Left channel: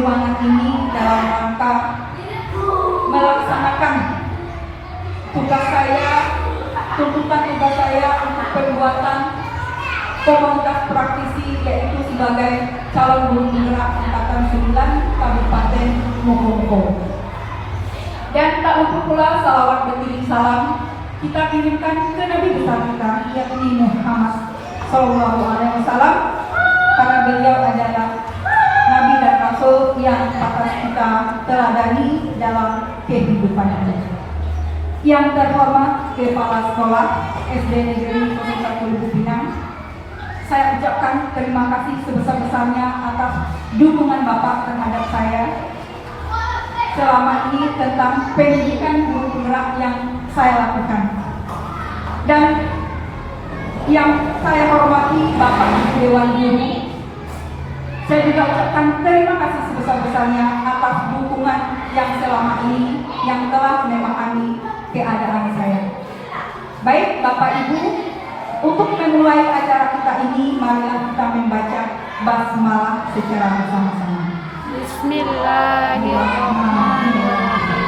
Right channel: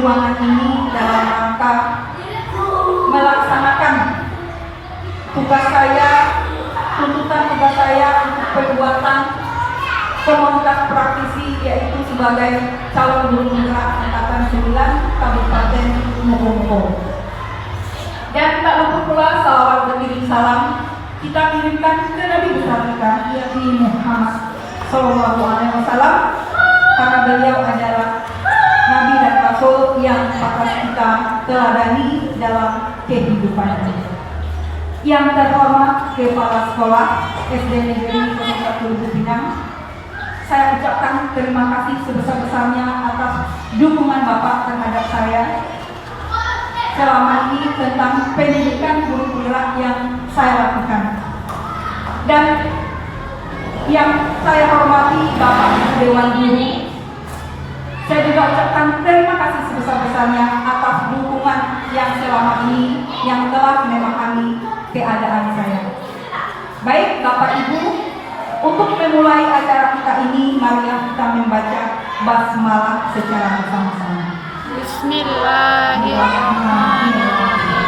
ruangan ini dalam rangka melaksanakan tugas saya, tuntutan tugas saya untuk perbuatan komunitas praktisi, yaitu sebagai calon guru penggerak angkatan 9 Kabupaten Mojokerto. Dan tak lupa pula salawat beriring salam kita kirimkan ke Nabi besar kita, yakni Muhammad Sallallahu Alaihi Wasallam, karena beliau adalah Nabi dan Rasul yang patut kita teladani dalam kehidupan kita. Yang terhormat Kepala Sekolah SD Negeri 01 Lubuk Pinang, saya ucapkan terima kasih sebesar-besarnya atas dukungan Bapak terhadap saya selama ini tentang pendidikan guru penggerak yang saya lakukan. Dan yang saya hormati Bapak Dewan Guru, saya juga ucapkan terima kasih sebesar-besarnya atas dukungan yang selama ini yang telah memahami keadaan saya. Baik Bapak Ibu, untuk memulai acara kita ini, marilah kita membaca basmalah secara bersama-sama. Bismillahirrahmanirrahim.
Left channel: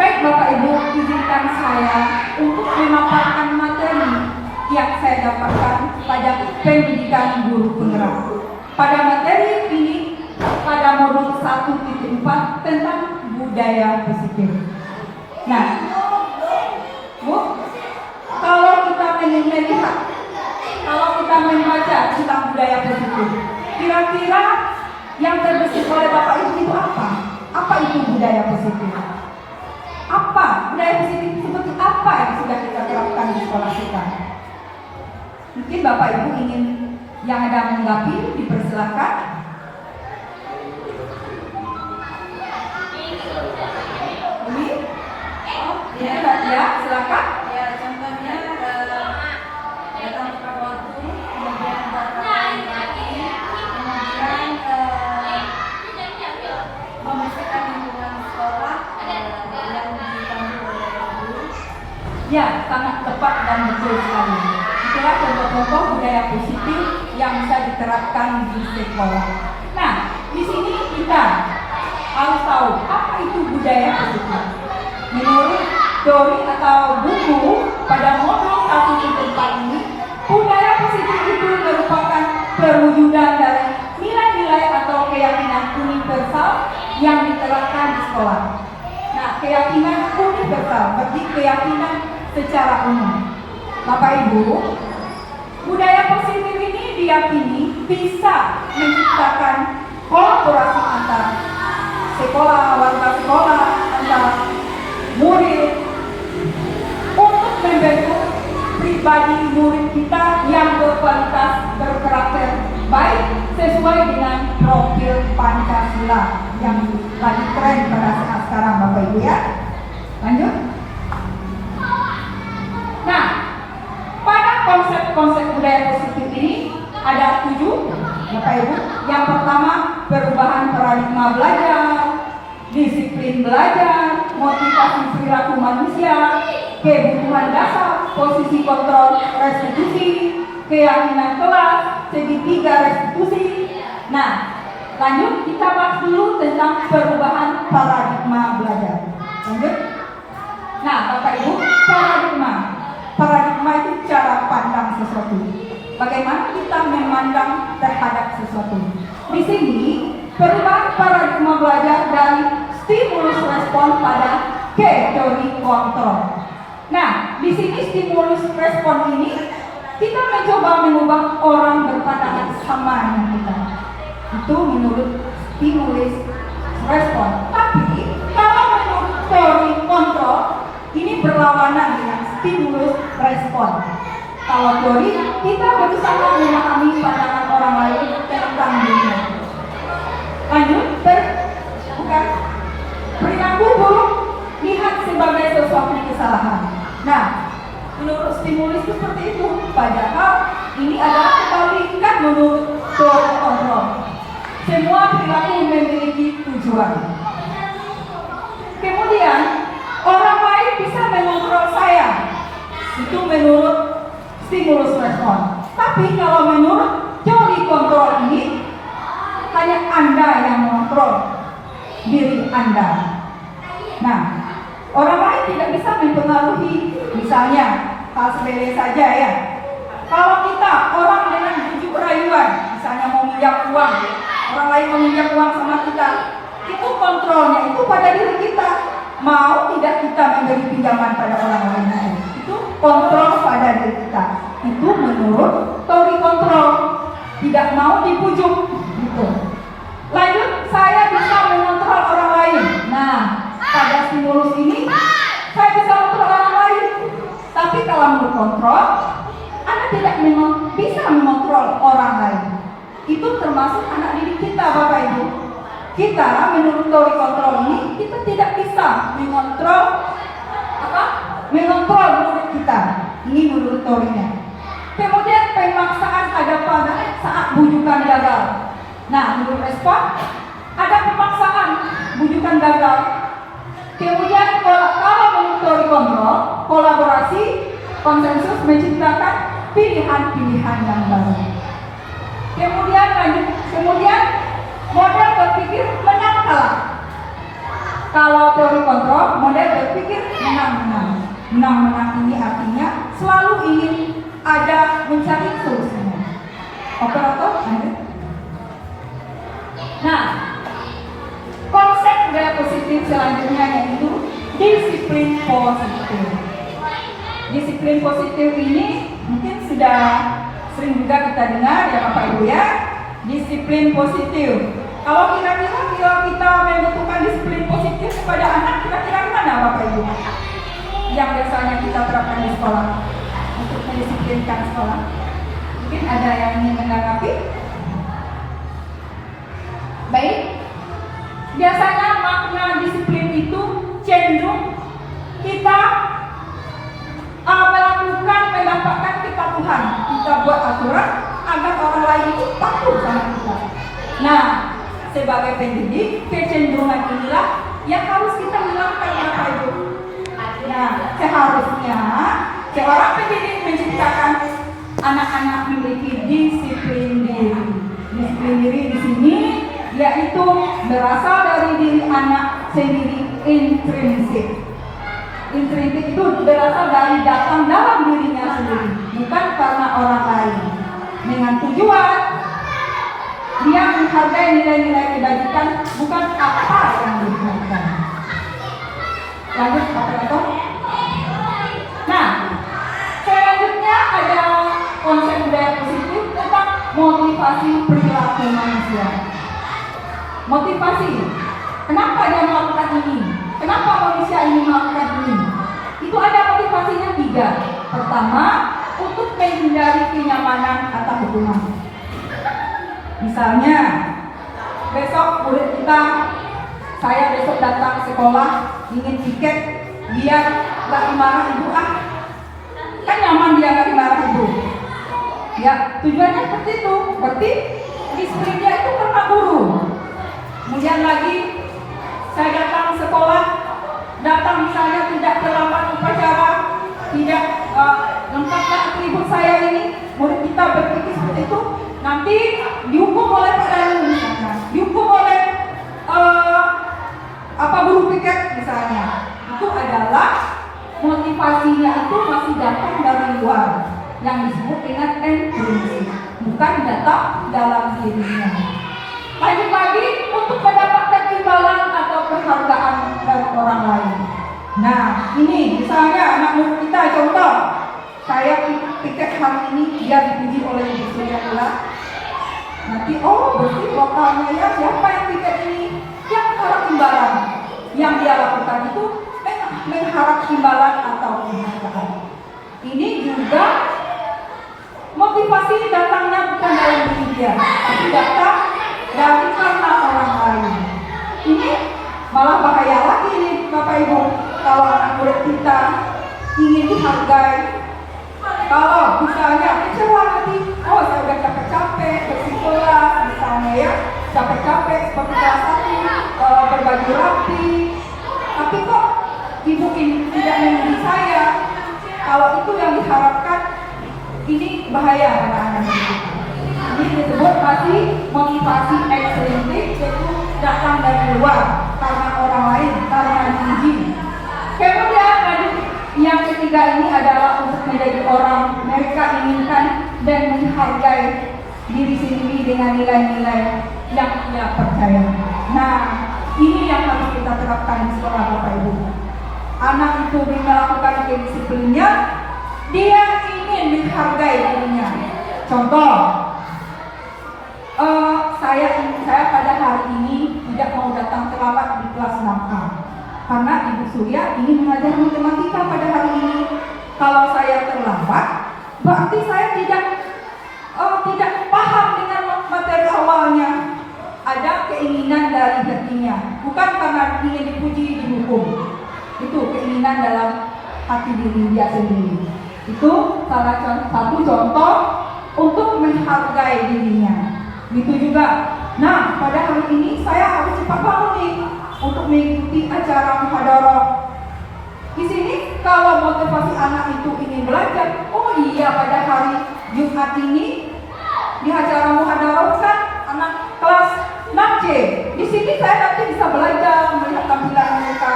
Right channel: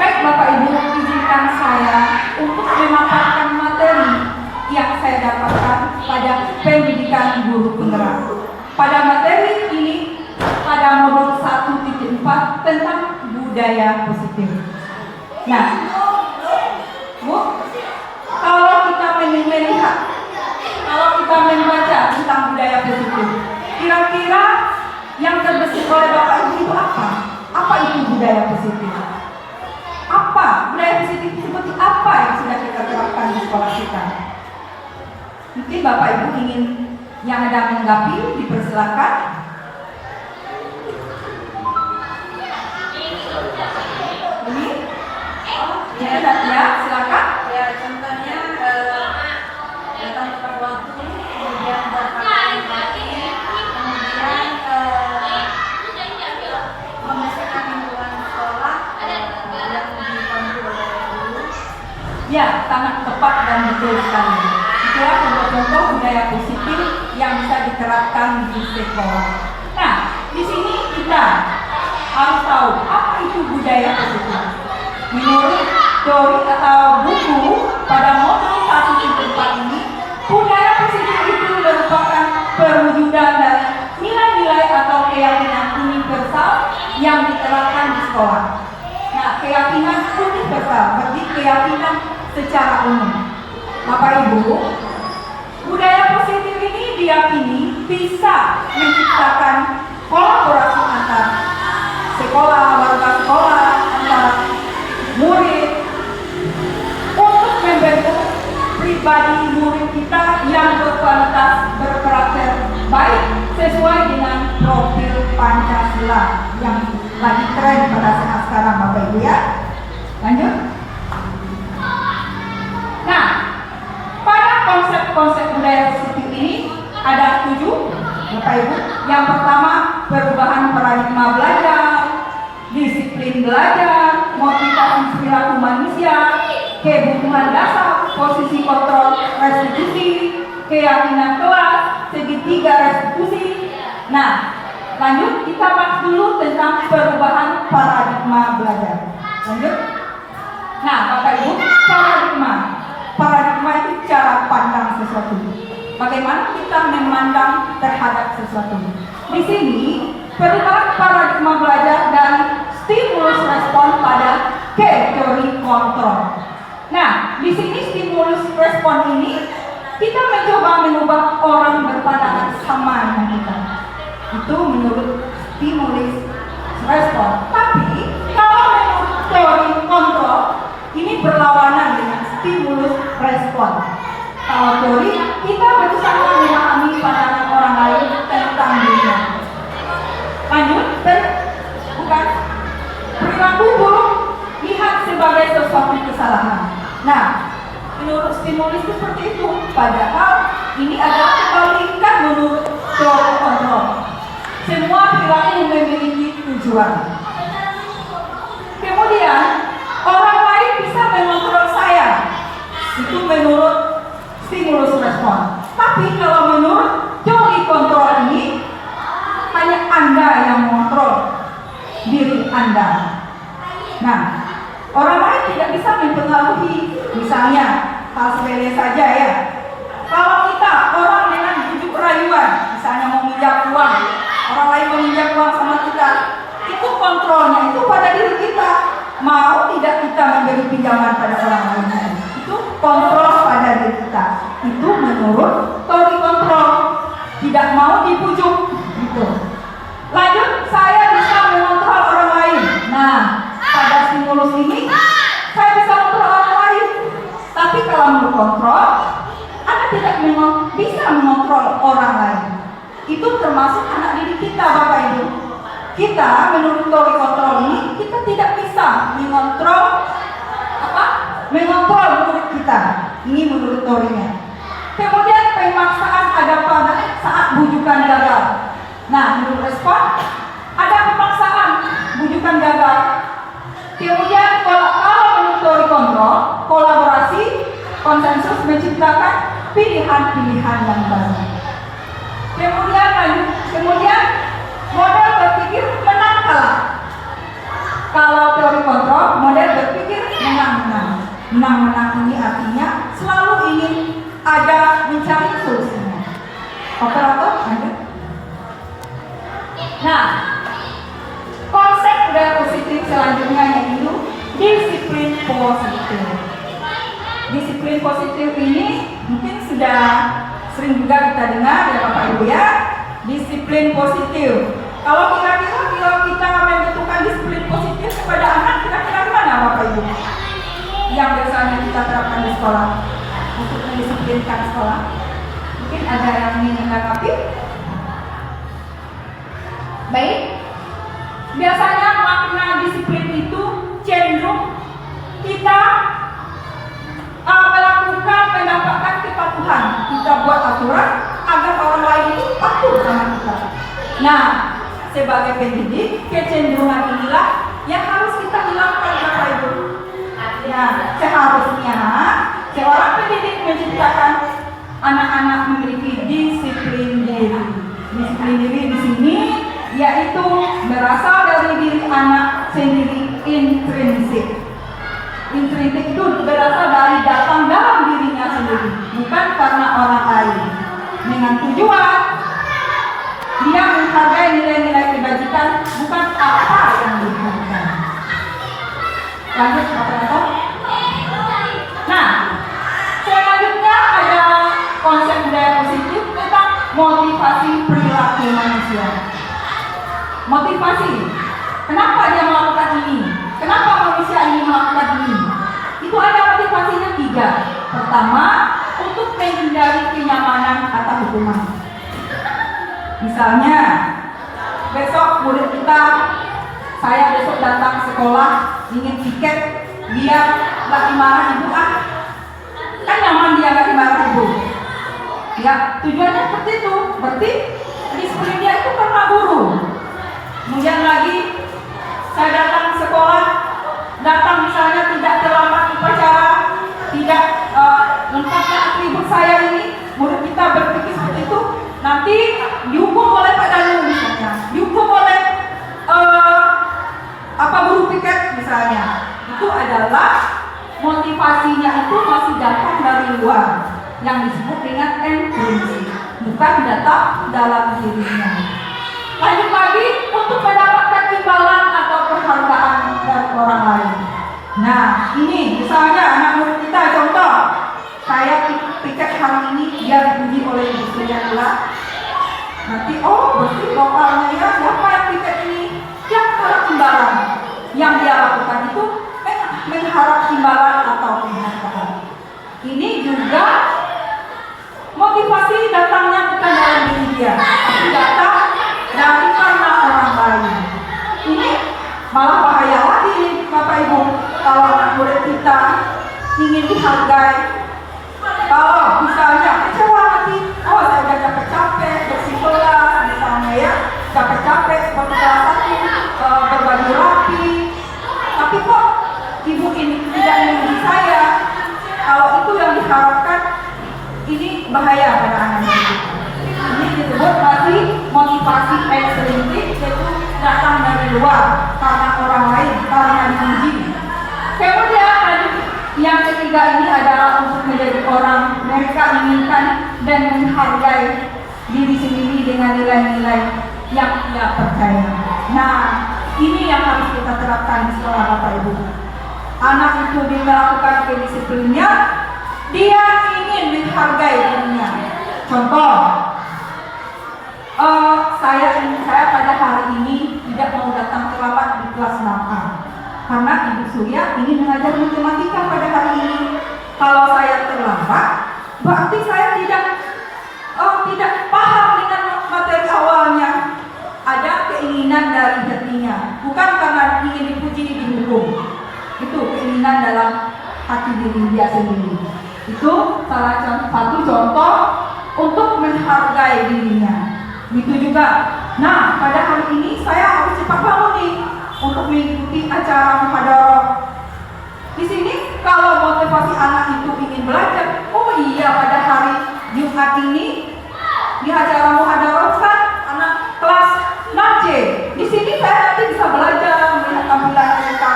Baik Bapak Ibu, izinkan saya untuk memaparkan materi yang saya dapatkan pada pendidikan guru penggerak. Pada materi ini, pada modul 1.4 tentang budaya positif. Nah, Bu, kalau kita melihat, kalau kita membaca tentang budaya positif, kira-kira yang terbesit oleh Bapak Ibu itu apa? Apa itu budaya positif? Apa budaya positif, seperti apa yang sudah kita terapkan di sekolah kita? Mungkin Bapak Ibu ingin yang ada menanggapi, dipersilakan. Ini? Ya, silakan. Ya, contohnya datang tepat waktu, kemudian berpakaian rapi, kemudian membersihkan lingkungan sekolah yang dipandu oleh guru. Ya, sangat tepat dan betul sekali. Itulah contoh-contoh budaya positif yang bisa diterapkan di sekolah. Nah, di sini kita harus tahu apa itu budaya positif. Menurut teori atau buku pada modul 1.4 ini, budaya positif itu merupakan perwujudan dari nilai-nilai atau keyakinan universal yang diterapkan di sekolah. Nah, keyakinan universal berarti keyakinan secara umum. Bapak Ibu, budaya positif ini diyakini bisa menciptakan kolaborasi antar sekolah, warga sekolah, antar murid untuk membentuk pribadi murid kita yang berkualitas, berkarakter baik sesuai dengan profil Pancasila yang lagi tren pada saat sekarang, Bapak Ibu ya. Lanjut. Nah, pada konsep-konsep budaya positif ini ada 7, Bapak Ibu. Yang pertama, perubahan paradigma belajar, disiplin belajar, motivasi perilaku manusia, kebutuhan dasar, posisi kontrol restitusi, keyakinan kelas, segitiga restitusi. Nah, lanjut kita bahas dulu tentang perubahan paradigma belajar. Lanjut. Nah, Bapak Ibu, paradigma itu cara pandang sesuatu. Bagaimana kita memandang terhadap sesuatu. Di sini perubahan paradigma belajar dari stimulus respon pada ke teori kontrol. Nah, di sini stimulus respon ini kita mencoba mengubah orang berpandangan sama dengan kita. Itu menurut stimulus respon. Tapi kalau menurut teori kontrol ini berlawanan dengan stimulus respon. Kalau teori kita berusaha memahami pandangan orang lain tentang dirinya. Lanjut, perilaku buruk lihat sebagai sesuatu kesalahan. Nah, menurut stimulus itu seperti itu. Padahal ini adalah kebalikan menurut teori kontrol. Semua perilaku memiliki tujuan. Kemudian orang lain bisa mengontrol saya. Itu menurut stimulus respon. Tapi kalau menurut teori kontrol ini hanya Anda yang mengontrol diri Anda. Nah, orang lain tidak bisa mempengaruhi, misalnya hal sepele saja ya. Kalau kita orang dengan bujuk rayuan, misalnya mau minjam uang, orang lain meminjam uang sama kita, itu kontrolnya itu pada diri kita. Mau tidak kita memberi pinjaman pada orang lain, itu kontrol pada diri kita. Itu menurut teori kontrol. Tidak mau dibujuk, gitu. Lanjut, saya bisa mengontrol orang lain. Nah, pada stimulus ini saya bisa mengontrol orang lain. Tapi kalau menurut kontrol, Anda tidak bisa mengontrol orang lain. Itu termasuk anak didik kita, Bapak Ibu. Kita menurut teori kontrol ini, kita tidak bisa mengontrol mengontrol murid kita. Ini menurut teorinya. Kemudian pemaksaan ada pada saat bujukan gagal. Nah, menurut respon ada pemaksaan bujukan gagal. Kemudian kalau menurut teori kontrol, kolaborasi, konsensus menciptakan pilihan-pilihan yang baru. Kemudian model berpikir menang kalah. Kalau teori kontrol, model berpikir menang-menang. Menang-menang ini artinya selalu ingin ada mencari solusinya. Operator, lanjut. Nah, konsep budaya positif selanjutnya yaitu disiplin positif. Disiplin positif ini mungkin sudah sering juga kita dengar ya Bapak Ibu ya. Disiplin positif. Kalau kira-kira kita membutuhkan disiplin positif kepada anak, kira-kira gimana Bapak Ibu? Yang biasanya kita terapkan di sekolah untuk mendisiplinkan sekolah. Mungkin ada yang ingin menanggapi? Baik. Biasanya makna disiplin itu cenderung kita mendapatkan kepatuhan. Kita buat aturan agar orang lain itu patuh sama kita. Nah, sebagai pendidik, kecenderungan inilah yang harus kita hilangkan Bapak Ibu. Nah, seharusnya seorang pendidik menciptakan anak-anak memiliki disiplin diri. Disiplin diri di sini yaitu berasal dari diri anak sendiri, intrinsik. Intrinsik itu berasal dari datang dalam dirinya sendiri, bukan karena orang lain. Dengan tujuan dia menghargai nilai-nilai kebajikan, bukan apa yang dihargai. Lanjut, operator. Nah, selanjutnya ada konsep budaya positif tentang motivasi perilaku manusia. Motivasi. Kenapa dia melakukan ini? Kenapa manusia ini melakukan ini? Itu ada motivasinya 3. Pertama, untuk menghindari kenyamanan atau hukuman. Misalnya, besok murid kita, saya besok datang ke sekolah, ingin tiket, dia nggak dimarahi ibu kan nyaman dia nggak dimarahi ibu. Ya, tujuannya seperti itu. Berarti disiplin dia itu karena guru. Kemudian lagi, saya datang ke sekolah, datang misalnya tidak terlambat upacara, tidak lengkapnya atribut saya ini, murid kita berpikir seperti itu, nanti dihukum oleh Pak Danu misalnya, dihukum oleh guru piket misalnya. Itu adalah motivasinya itu masih datang dari luar, yang disebut dengan intrinsik, bukan datang dalam dirinya. Lanjut lagi, untuk mendapatkan imbalan atau penghargaan dari orang lain. Nah, ini misalnya anak murid kita, contoh, saya piket hari ini dia dipuji oleh ibu saya. Nanti, berarti lokalnya ya, siapa yang piket ini? Yang harap imbalan. Yang dia lakukan itu mengharap imbalan atau penghargaan. Ini juga motivasi datangnya bukan dalam diri dia, tapi datang dari karena orang lain. Ini malah bahaya lagi nih Bapak Ibu, kalau anak murid kita ingin dihargai. Kalau misalnya kecewa nanti, saya udah capek-capek bersih kelas misalnya ya, capek-capek seperti kelas 1 berbaju rapi, tapi kok ibu ini tidak memuji saya. Kalau itu yang diharapkan, ini bahaya pada anak-anak. Ini disebut masih motivasi ekstrinsik yaitu datang dari luar karena orang lain, karena diuji. Kemudian yang ketiga ini adalah untuk menjadi orang, mereka inginkan dan menghargai diri sendiri dengan nilai-nilai yang ia percaya. Nah, ini yang harus kita terapkan di sekolah Bapak Ibu. Anak itu melakukan kedisiplinnya, dia ingin menghargai dirinya. Contoh, saya pada hari ini tidak mau datang terlambat di kelas makan karena Ibu Surya ingin mengajar matematika pada hari ini. Kalau saya terlambat, berarti saya tidak paham dengan materi awalnya. Ada keinginan dari hatinya, bukan karena ingin dipuji dihukum. Itu keinginan dalam hati diri dia sendiri. Itu salah satu contoh untuk menghargai dirinya. Itu juga. Nah, pada hari ini saya harus cepat bangun nih untuk mengikuti acara muhadarah. Di sini kalau motivasi anak itu ingin belajar, oh iya pada hari Jumat ini di acara muhadarah kan anak kelas 6C. Di sini saya nanti bisa belajar melihat tampilan mereka.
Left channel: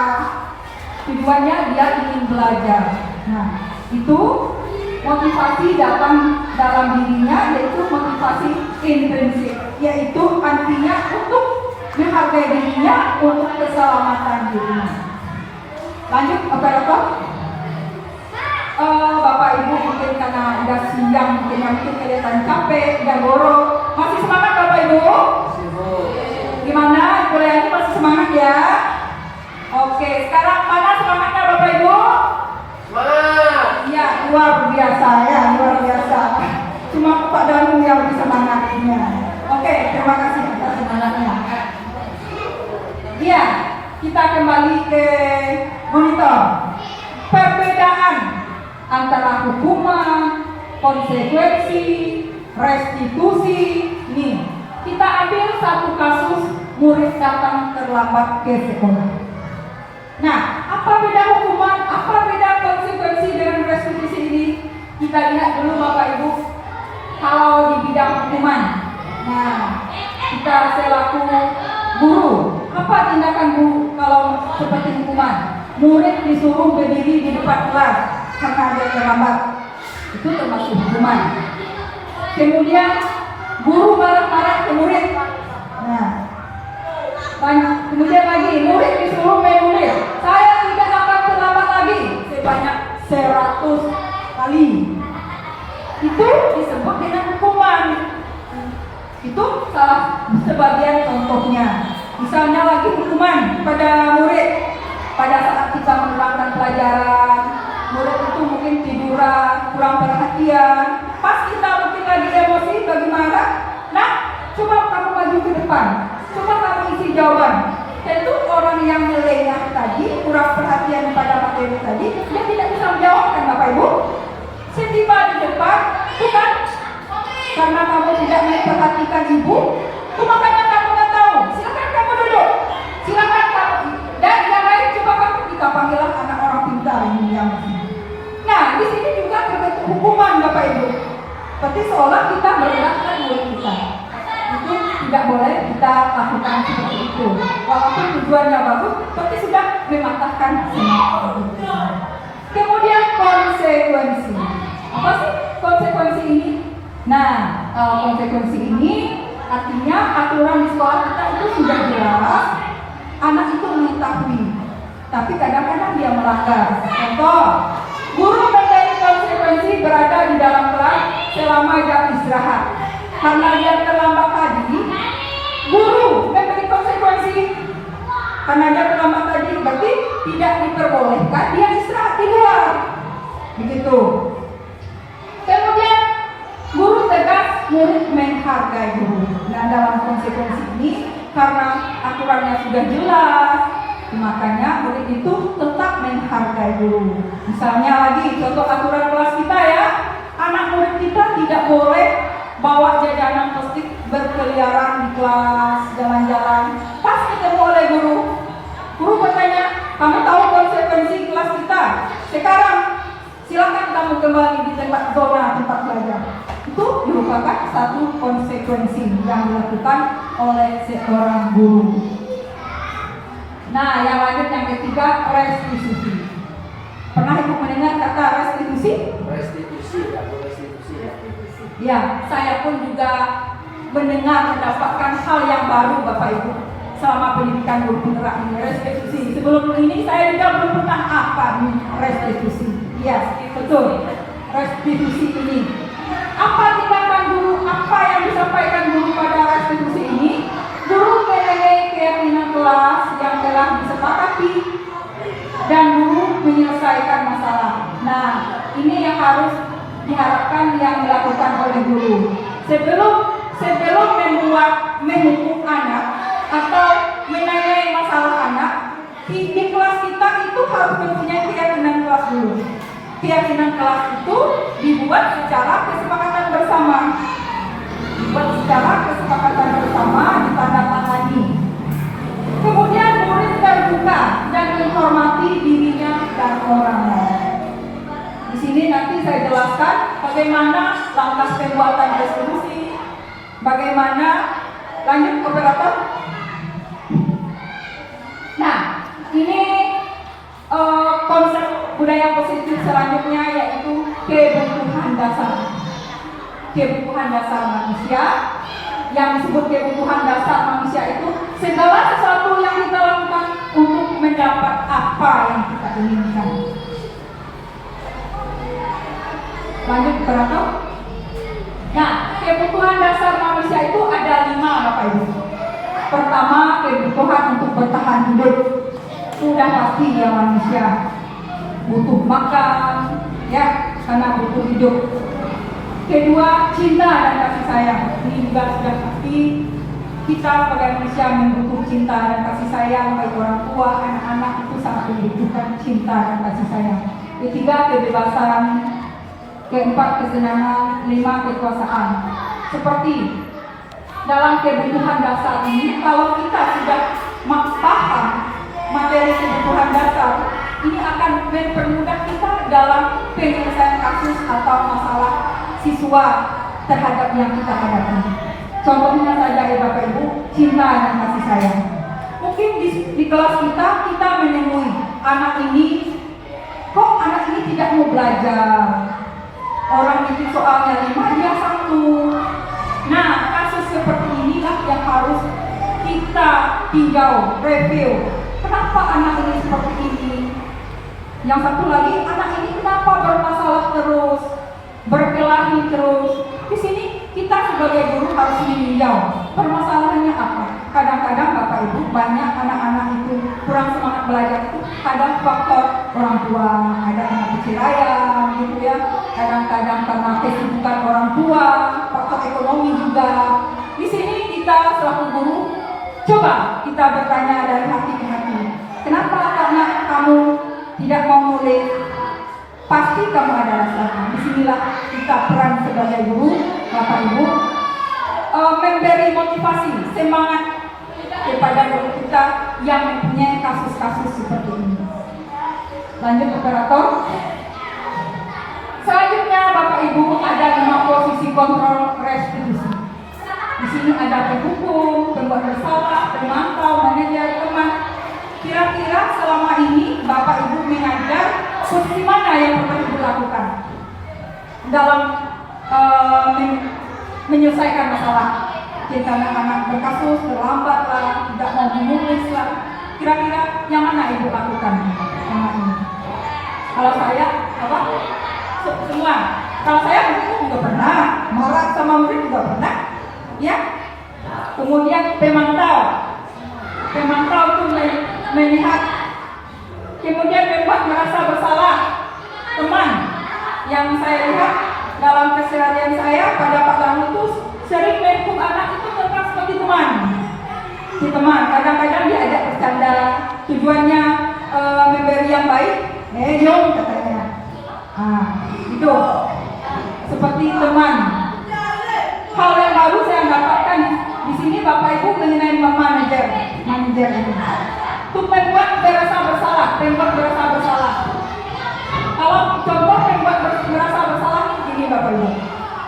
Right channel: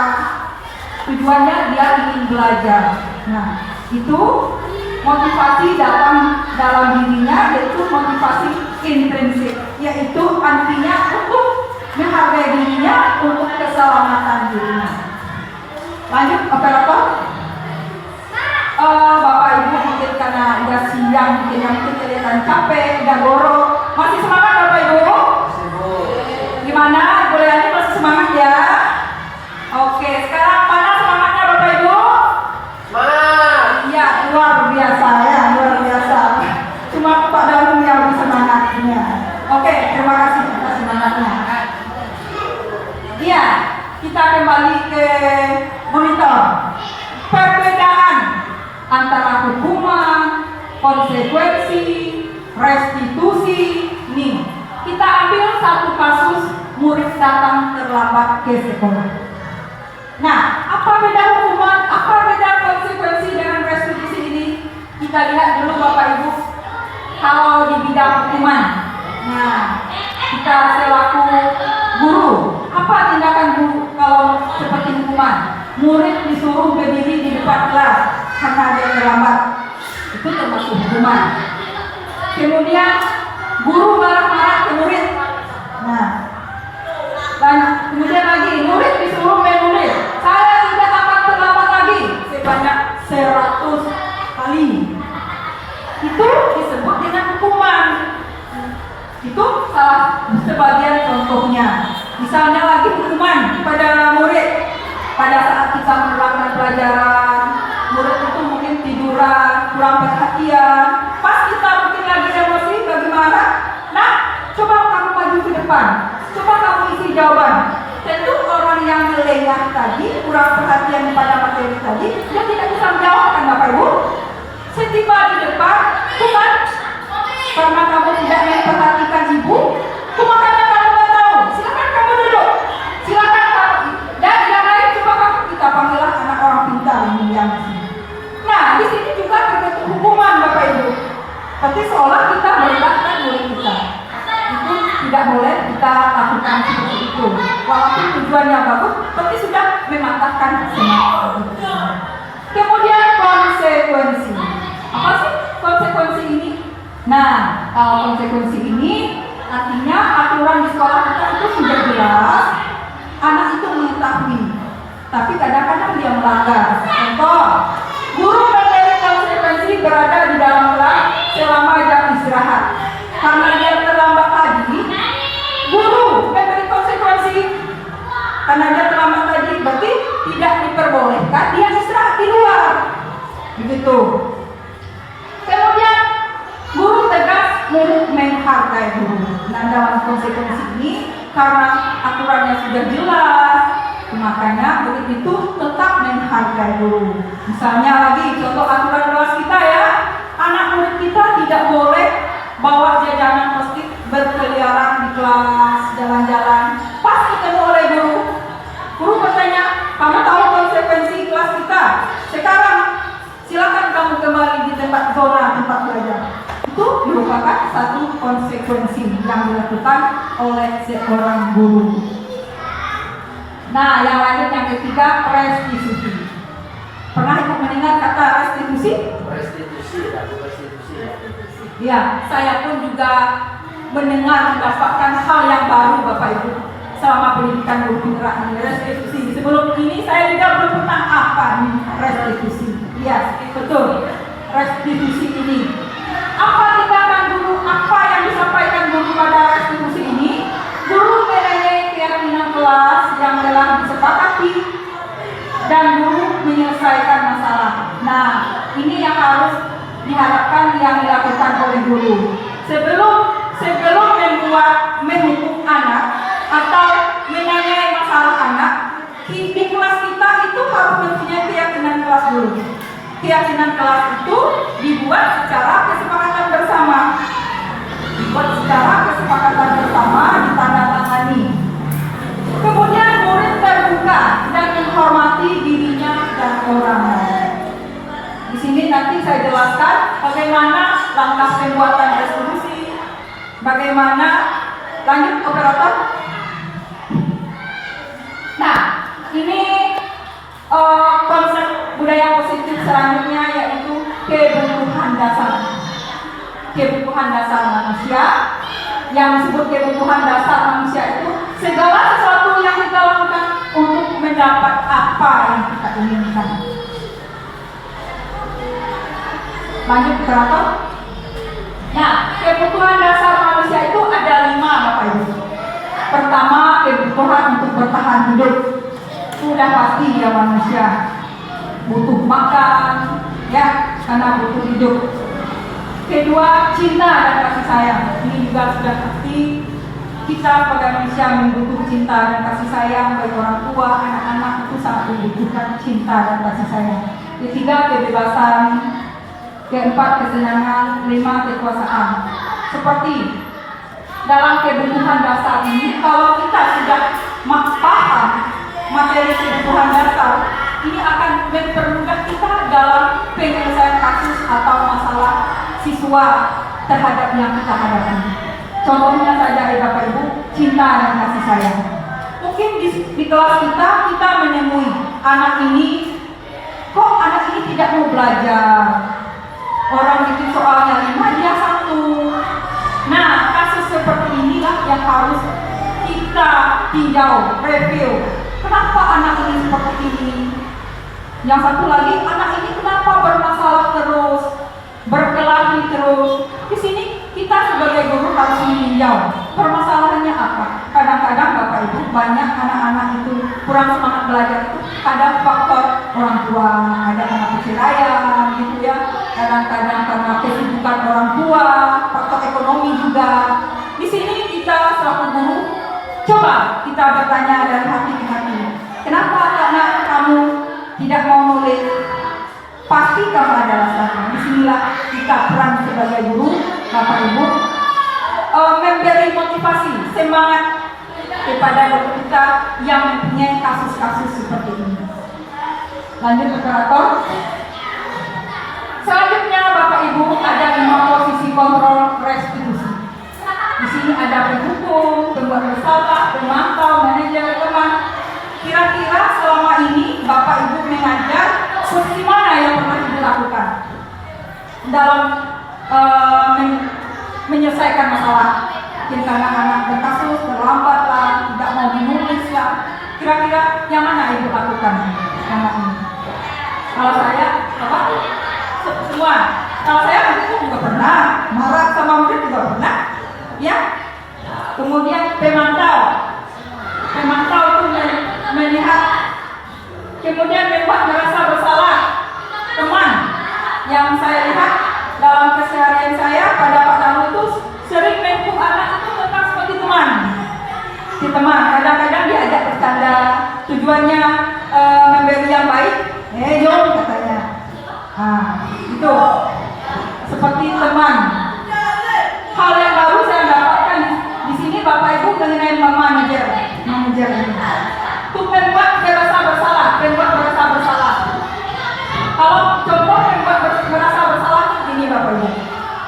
Tujuannya dia ingin belajar. Nah, itu motivasi datang dalam dirinya, yaitu motivasi intrinsik, yaitu artinya untuk menghargai dirinya, untuk keselamatan dirinya. Lanjut operator. Bapak Ibu mungkin karena udah siang, mungkin kelihatan capek, udah goro. Masih semangat Bapak Ibu? Gimana? Kuliahnya masih semangat ya? Oke, sekarang mana semangatnya Bapak Ibu? Semangat! Ya, luar biasa ya, luar biasa. Cuma Pak Daru yang bisa semangatnya. Oke, terima kasih atas semangatnya. Iya, kita kembali ke monitor. Perbedaan antara hukuman, konsekuensi, restitusi. Nih, kita ambil satu kasus murid datang terlambat ke sekolah. Nah, apa beda hukuman, apa beda konsekuensi dengan restitusi ini? Kita lihat dulu Bapak Ibu. Kalau di bidang hukuman, nah, kita selaku guru, apa tindakan guru kalau seperti hukuman? Murid disuruh berdiri di depan kelas karena dia terlambat. Itu termasuk hukuman. Kemudian guru marah-marah ke murid. Nah, dan kemudian lagi murid disuruh menulis, saya tidak akan terlambat lagi sebanyak 100 kali. Itu disebut dengan hukuman. Itu salah sebagian contohnya. Misalnya lagi hukuman pada murid pada saat kita mengulangi pelajaran, murid itu mungkin tiduran, kurang perhatian. Pas kita mungkin lagi emosi, lagi marah. Nah, coba kamu maju ke depan. Coba kamu isi jawaban. Tentu orang yang melengah tadi, kurang perhatian pada materi tadi, dia tidak bisa menjawabkan Bapak Ibu. Setiba di depan, bukan karena kamu tidak memperhatikan ibu, cuma karena kamu nggak tahu. Silakan kamu duduk. Silakan kamu. Dan yang lain coba kamu kita panggillah anak orang pintar ini yang di sini. Nah, di sini juga terbentuk hukuman Bapak Ibu. Tapi seolah kita merendahkan murid kita. Itu tidak boleh kita lakukan seperti itu. Walaupun tujuannya bagus, tapi sudah mematahkan semangat. Kemudian konsekuensi. Apa sih konsekuensi ini? Nah, konsekuensi ini artinya aturan di sekolah kita itu sudah jelas. Anak itu mengetahui, tapi kadang-kadang dia melanggar. Contoh, guru memberi konsekuensi berada di dalam kelas selama jam istirahat. Karena dia terlambat tadi, guru memberi konsekuensi. Karena dia terlambat tadi, berarti tidak diperbolehkan dia istirahat di luar. Begitu. Kemudian guru tegas, murid menghargai guru. Nah, dalam konsekuensi ini, karena aturannya sudah jelas, makanya murid itu tetap menghargai guru. Misalnya lagi, contoh aturan kelas kita ya, anak murid kita tidak boleh bawa jajanan plastik berkeliaran di kelas, jalan-jalan. Pas ketemu oleh guru, guru bertanya, kamu tahu konsekuensi kelas kita? Sekarang silakan kamu kembali di tempat zona tempat belajar. Itu merupakan satu konsekuensi yang dilakukan oleh seorang guru. Nah, yang lanjut yang ketiga, restitusi. Pernah ibu mendengar kata restitusi? Restitusi, aku restitusi. Ya, saya pun juga mendengar mendapatkan hal yang baru Bapak Ibu selama pendidikan guru penggerak ini, restitusi. Sebelum ini saya juga belum pernah apa nih restitusi. Iya, betul. Restitusi ini. Apa tindakan guru? Apa yang disampaikan guru pada restitusi ini? Guru menilai keyakinan kelas yang telah disepakati dan guru menyelesaikan masalah. Nah, ini yang harus diharapkan yang dilakukan oleh guru. Sebelum menghukum anak atau menanyai masalah anak, di kelas kita itu harus mempunyai keyakinan kelas dulu. Keyakinan kelas itu dibuat secara kesepakatan bersama. Ditandatangani. Kemudian murid terbuka dan menghormati dirinya dan orangnya. Di sini nanti saya jelaskan bagaimana langkah pembuatan resolusi, bagaimana lanjut operator. Nah, ini konsep budaya positif selanjutnya yaitu kebutuhan dasar. Kebutuhan dasar manusia. Yang disebut kebutuhan dasar manusia itu segala sesuatu yang kita lakukan untuk mendapat apa yang kita inginkan. Lanjut operator. Nah, kebutuhan dasar manusia itu ada 5 Bapak Ibu. Pertama, kebutuhan untuk bertahan hidup. Sudah pasti ya manusia butuh makan, ya, karena butuh hidup. Kedua, cinta dan kasih sayang. Ini juga sudah pasti kita sebagai manusia membutuhkan cinta dan kasih sayang, baik orang tua, anak-anak itu sangat membutuhkan cinta dan kasih sayang. Ketiga, kebebasan. Keempat, kesenangan. 5, kekuasaan. Seperti dalam kebutuhan dasar ini, kalau kita sudah paham materi kebutuhan dasar, ini akan mempermudah kita dalam penyelesaian kasus atau masalah siswa terhadap yang kita hadapi. Contohnya saja ya Bapak Ibu, cinta dan kasih sayang. Mungkin di kelas kita menemui anak ini, kok anak ini tidak mau belajar? Orang itu soalnya 5, dia 1. Nah, kasus seperti inilah yang harus kita tinjau, review. Kenapa anak ini seperti ini? Yang satu lagi, anak ini kenapa bermasalah terus, berkelahi terus? Di sini kita sebagai guru harus meninjau permasalahannya apa. Kadang-kadang Bapak Ibu banyak anak-anak itu kurang semangat belajar itu kadang faktor orang tua, ada karena perceraian gitu ya. Kadang-kadang karena kesibukan orang tua, faktor ekonomi juga. Di sini kita selaku guru coba kita bertanya dari hati ke hati. Kenapa anak kamu tidak mau nulis? Pasti kamu ada alasannya. Disinilah kita peran sebagai guru, Bapak Ibu, memberi motivasi, semangat kepada guru kita yang mempunyai kasus-kasus seperti ini. Lanjut operator. Selanjutnya Bapak Ibu ada 5 posisi kontrol restitusi. Di sini ada penghukum, pembuat bersalah, pemantau, manajer, teman. Kira-kira selama ini Bapak Ibu mengajar posisi mana yang pernah dilakukan dalam menyelesaikan masalah? Mungkin karena anak berkasus, terlambat lah, tidak mau menulis lah. Kira-kira yang mana Ibu lakukan selama ini? Kalau saya, apa? Semua. Kalau saya itu juga pernah, marah sama murid juga pernah, ya. Kemudian pemantau itu melihat, kemudian membuat merasa bersalah. Teman yang saya lihat dalam keseharian saya pada Pak Damu itu sering menghukum anak itu tetap seperti teman. Si teman kadang-kadang diajak bercanda, tujuannya memberi yang baik. Jom katanya. Itu seperti teman. Hal yang baru saya dapatkan di sini Bapak Ibu mengenai manajer ini. Untuk membuat merasa bersalah. Kalau contoh membuat merasa bersalah ini Bapak Ibu.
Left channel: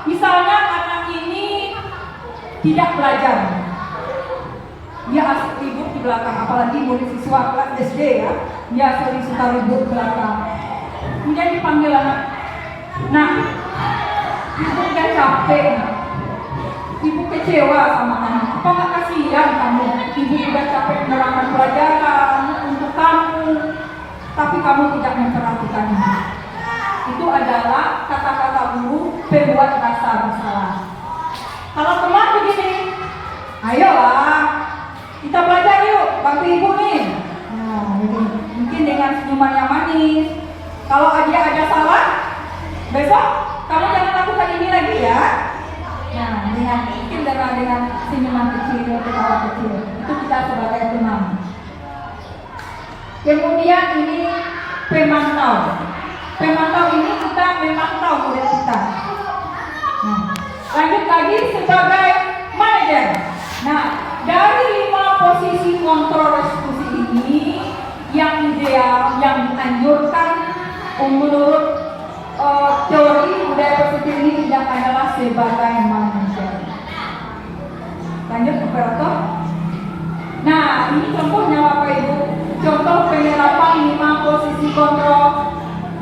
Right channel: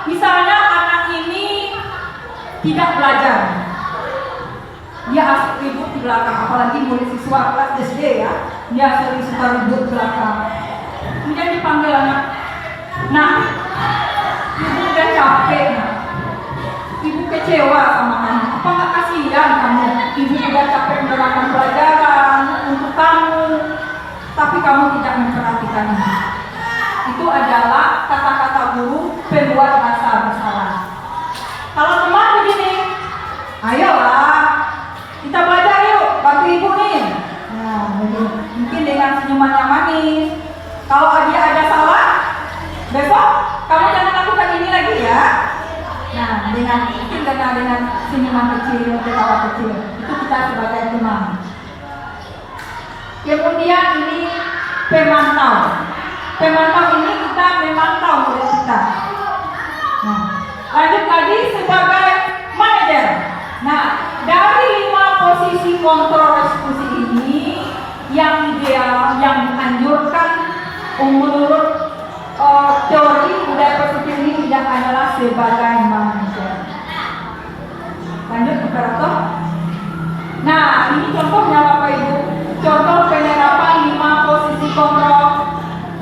Misalnya anak tidak belajar. Dia asik ribut di belakang, apalagi murid siswa kelas SD ya, dia sering suka ribut di belakang. Kemudian dipanggil anak, nah, ibu udah capek, ibu kecewa sama kamu. Apa nggak kasihan kamu? Ibu udah capek menerangkan pelajaran untuk kamu, tapi kamu tidak memperhatikan ibu. Itu adalah kata-kata guru pembuat rasa bersalah. Kalau teman begini, ayolah kita belajar yuk, bantu ibu nih. Nah, mungkin dengan senyuman yang manis. Kalau dia ada salah, besok kamu jangan lakukan ini lagi ya. Nah, mungkin dengan senyuman kecil, ketawa kecil, itu kita sebagai teman. Kemudian ini pemantau. Pemantau ini kita memantau murid kita. Nah, lanjut lagi sebagai manajer. Nah, dari 5 posisi kontrol eksekusi ini, yang ideal, yang dianjurkan menurut teori budaya positif ini tidak adalah sebagai manajer. Lanjut operator. Nah, ini contohnya Bapak Ibu. Contoh penerapan 5 posisi kontrol.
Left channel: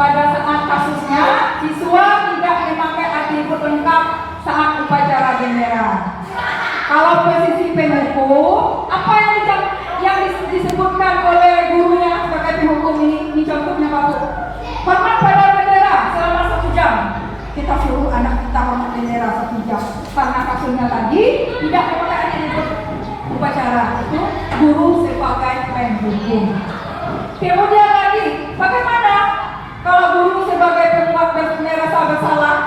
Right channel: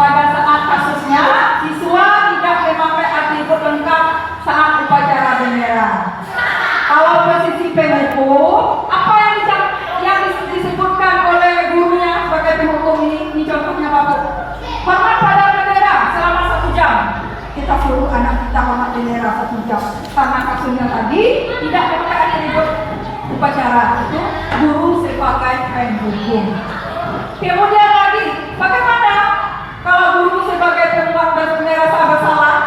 Pada saat kasusnya, siswa tidak memakai atribut lengkap saat upacara bendera. Kalau posisi penghukum, apa yang disebutkan oleh gurunya sebagai penghukum ini? Ini contohnya Bapak. Hormat pada bendera selama 1 jam. Kita suruh anak kita hormat bendera 1 jam. Karena kasusnya tadi tidak memakai atribut upacara, itu guru sebagai penghukum. Kemudian lagi, bagaimana kalau guru sebagai pembuat merasa bersalah?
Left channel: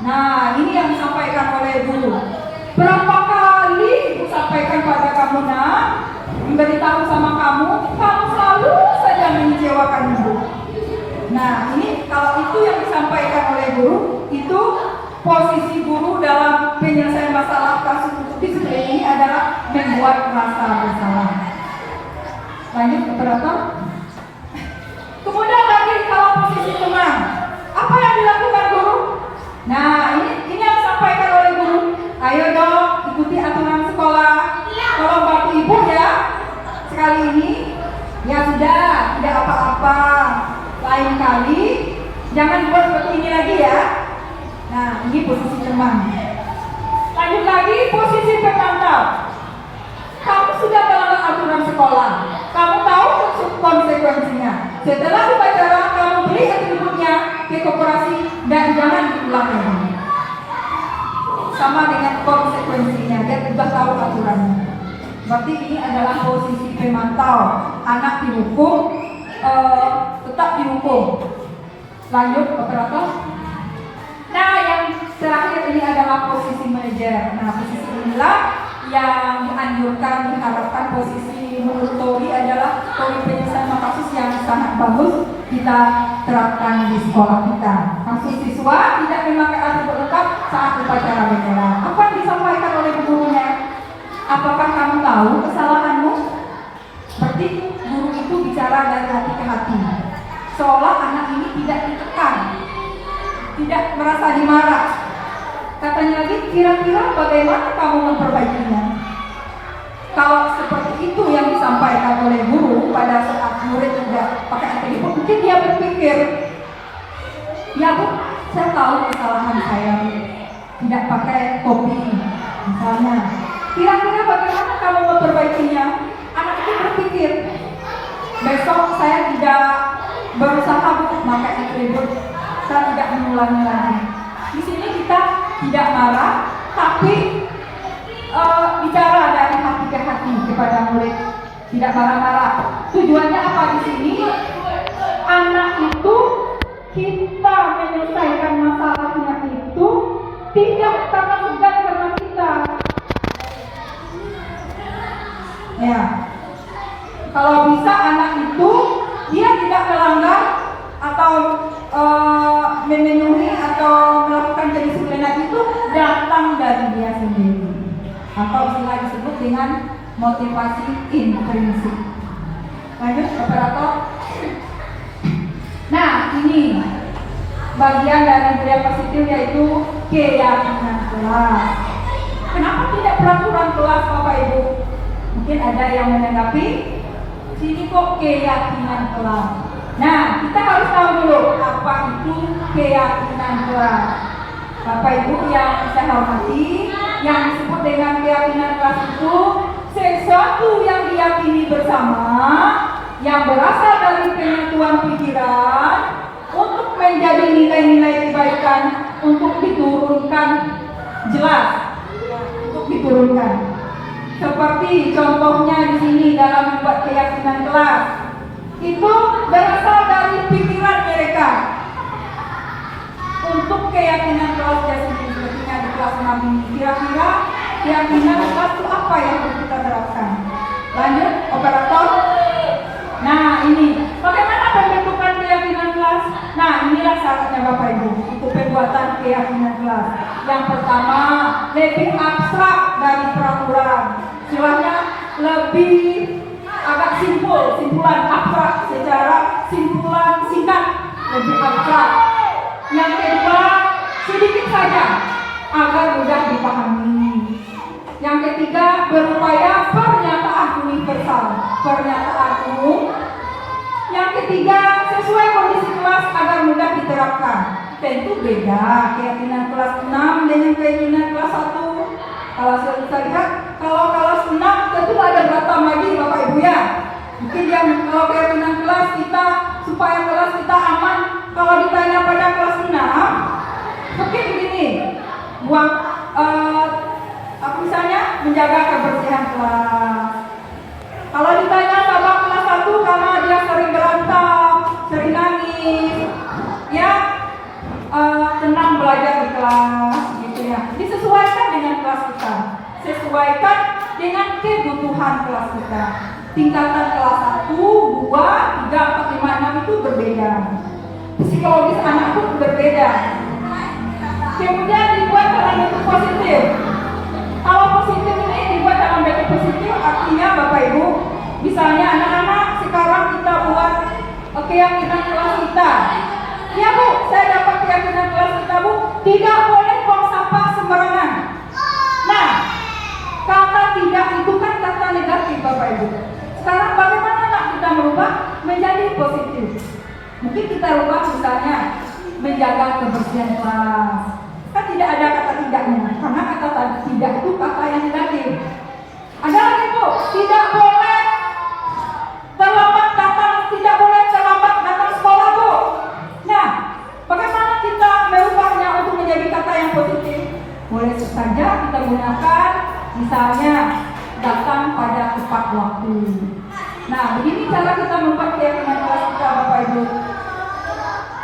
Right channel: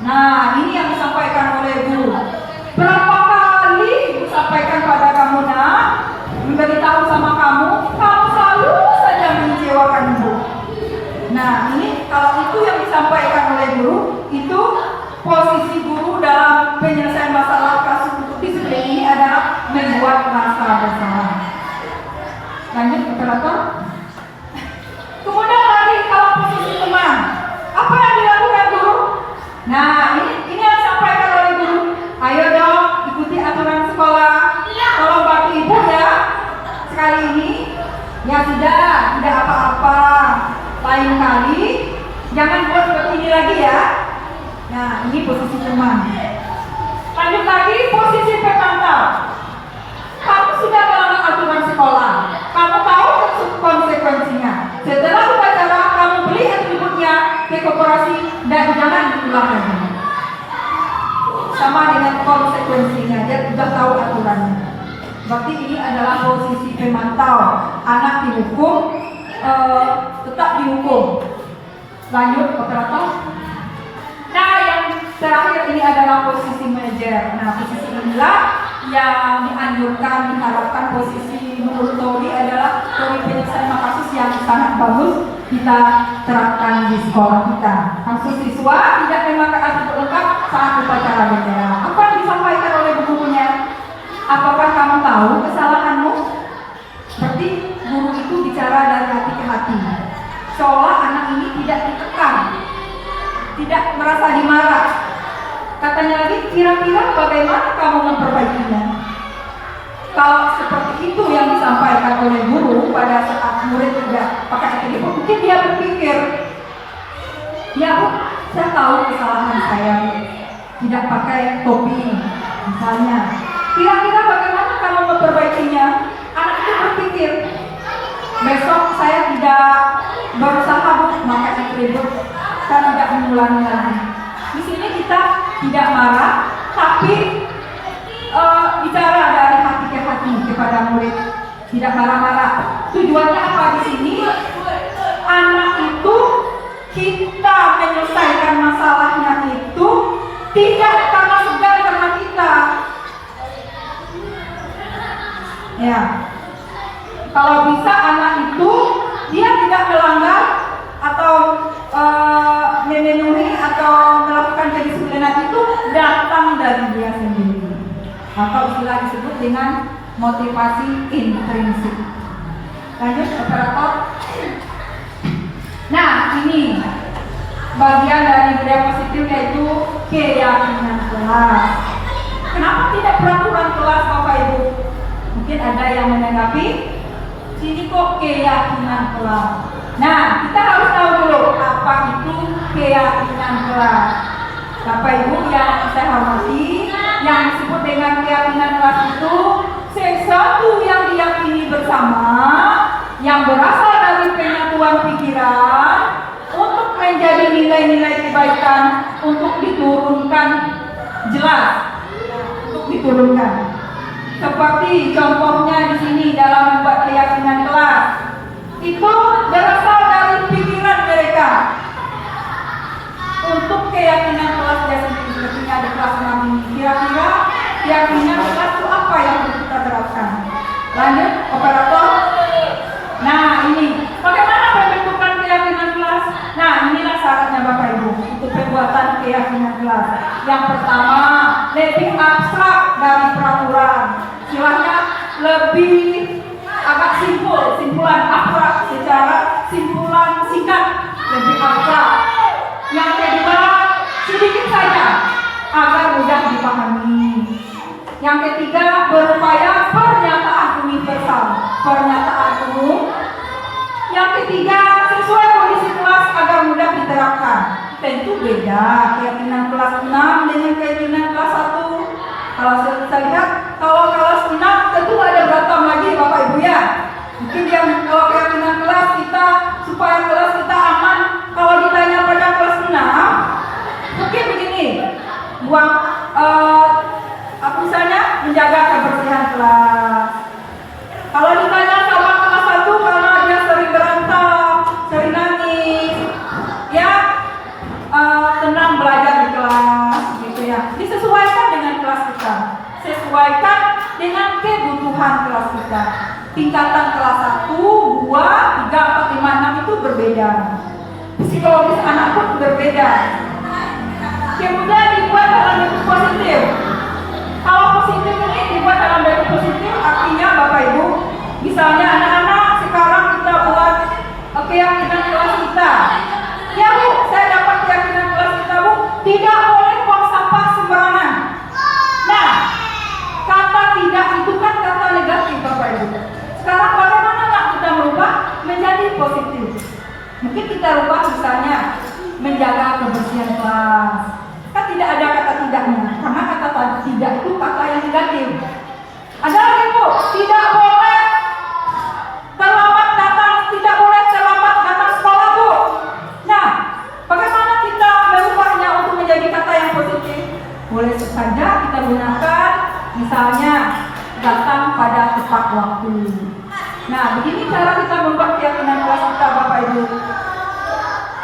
Nah, ini yang disampaikan oleh guru. Berapa kali ibu sampaikan pada kamu, nak, memberitahu sama kamu selalu saja mengecewakan ibu. Nah, ini kalau itu yang disampaikan oleh guru, itu posisi guru dalam penyelesaian masalah kasus disiplin ini adalah membuat rasa bersalah. Lanjut operator. Kemudian lagi kalau posisi teman, apa yang dilakukan guru? Nah, ini yang disampaikan oleh guru. Ayo dong, ikuti aturan sekolah. Tolong bantu ibu ya. Sekali ini, ya sudah, tidak apa-apa. Lain kali, jangan buat seperti ini lagi ya. Nah, ini posisi teman. Lanjut lagi, posisi pemantau. Kamu sudah melanggar aturan sekolah. Kamu tahu konsekuensinya. Setelah upacara, kamu beli atributnya ke koperasi dan jangan diulang lagi. Sama dengan konsekuensinya, dia sudah tahu aturannya. Berarti ini adalah posisi pemantau. Anak dihukum, tetap dihukum. Lanjut operator. Nah, yang terakhir ini adalah posisi manajer. Nah, posisi inilah yang dianjurkan, diharapkan. Posisi menurut teori adalah teori penyelesaian kasus yang sangat bagus kita terapkan di sekolah kita. Kasus siswa tidak memakai atribut lengkap saat upacara bendera. Apa yang disampaikan oleh gurunya? Apakah kamu tahu kesalahanmu? Seperti guru itu bicara dari hati ke hati, seolah anak ini tidak ditekan, tidak merasa dimarah. Katanya lagi, kira-kira bagaimana kamu memperbaikinya? Kalau seperti itu yang disampaikan oleh guru pada saat murid tidak pakai atribut, mungkin dia berpikir, ya Bu, saya tahu kesalahan saya tidak pakai topi misalnya. Kira-kira bagaimana kamu memperbaikinya? Anak itu berpikir, besok saya tidak berusaha untuk memakai atribut, saya tidak mengulangi lagi. Di sini kita tidak marah, tapi bicara dari hati ke hati kepada murid, tidak marah-marah. Tujuannya apa di sini? Anak itu kita menyelesaikan masalahnya itu tidak karena segan karena kita. Ya, kalau bisa anak itu dia tidak melanggar atau memenuhi atau melakukan kedisiplinan itu datang dari dia sendiri, atau istilah disebut dengan motivasi intrinsik. Lanjut operator. Nah, ini bagian dari budaya positif, yaitu keyakinan kelas. Kenapa tidak peraturan kelas Bapak Ibu? Mungkin ada yang menanggapi, sini kok keyakinan kelas. Nah, kita harus tahu dulu apa itu keyakinan kelas. Bapak Ibu yang saya hormati, yang disebut dengan keyakinan kelas itu sesuatu yang diyakini bersama, yang berasal dari penyatuan pikiran untuk menjadi nilai-nilai kebaikan untuk diturunkan jelas, untuk diturunkan. Seperti contohnya di sini dalam membuat keyakinan kelas, itu berasal dari pikiran mereka. Untuk keyakinan kelasnya sendiri, ketika di kelas 6 ini, kira-kira keyakinan kelas itu apa yang harus kita terapkan? Lanjut, operator. Nah, ini bagaimana pembentukan keyakinan kelas? Nah, inilah syaratnya Bapak Ibu untuk pembuatan keyakinan kelas. Yang pertama, lebih abstrak dari peraturan. Istilahnya lebih agak simpulan abstrak secara simpulan singkat, lebih abstrak. Yang kedua, sedikit saja agar mudah dipahami. Yang ketiga, berupaya pernyataan universal, pernyataan umum. Yang ketiga, sesuai kondisi kelas agar mudah diterapkan. Tentu beda keyakinan kelas 6 dengan keyakinan kelas 1. Kalau kita lihat, kalau kelas 6 tentu ada beragam lagi Bapak Ibu ya. Mungkin yang kalau keyakinan kelas kita supaya kelas kita aman, kalau ditanya pada kelas 6, mungkin begini, buang misalnya menjaga kebersihan kelas. Kalau ditanya sama kelas 1 karena dia sering berantem, sering nangis, ya tenang belajar di kelas, gitu ya. Disesuaikan dengan kelas kita, sesuaikan dengan kebutuhan kelas kita. Tingkatan kelas 1, 2, 3, 4, 5, 6 itu berbeda. Psikologis anak pun berbeda. Kemudian dibuat dalam bentuk positif. Kalau positif ini dibuat dalam bentuk positif, artinya Bapak Ibu, misalnya anak-anak sekarang kita buat keyakinan kelas kita. Ya Bu, saya dapat keyakinan kelas kita Bu, tidak boleh buang sampah sembarangan. Nah, kata tidak itu kan kata negatif Bapak Ibu. Sekarang bagaimana nak kita merubah menjadi positif? Mungkin kita rubah misalnya menjaga kebersihan kelas. Kan tidak ada kata tidaknya, karena kata tidak itu kata yang negatif. Ada lagi Bu, tidak boleh terlambat datang, tidak boleh terlambat datang sekolah Bu. Nah, bagaimana kita merubahnya untuk menjadi kata yang positif? Boleh saja kita gunakan misalnya datang pada tepat waktu. Nah, begini cara kita membuat keyakinan kelas kita Bapak Ibu.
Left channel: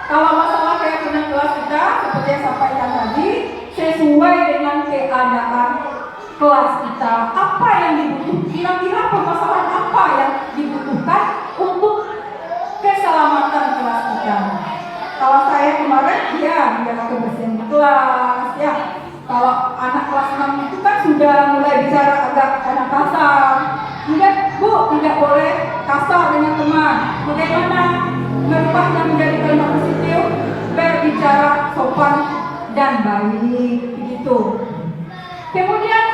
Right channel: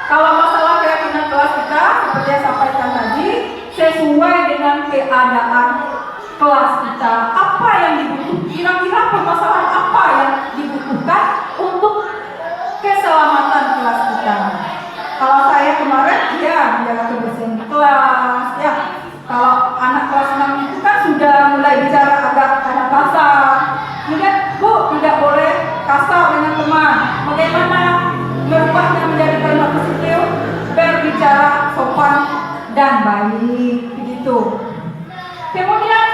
Kalau masalah keyakinan kelas kita, seperti yang saya sampaikan tadi, sesuai dengan keadaan kelas kita, apa yang dibutuhkan, kira-kira permasalahan apa yang dibutuhkan untuk keselamatan kelas kita. Kalau saya kemarin, ya menjaga kebersihan di kelas, ya. Kalau anak kelas 6 itu kan sudah mulai bicara agak kasar. Kemudian, Bu, tidak boleh kasar dengan teman. Bagaimana merubahnya menjadi kalimat positif? Berbicara sopan dan baik, begitu. Kemudian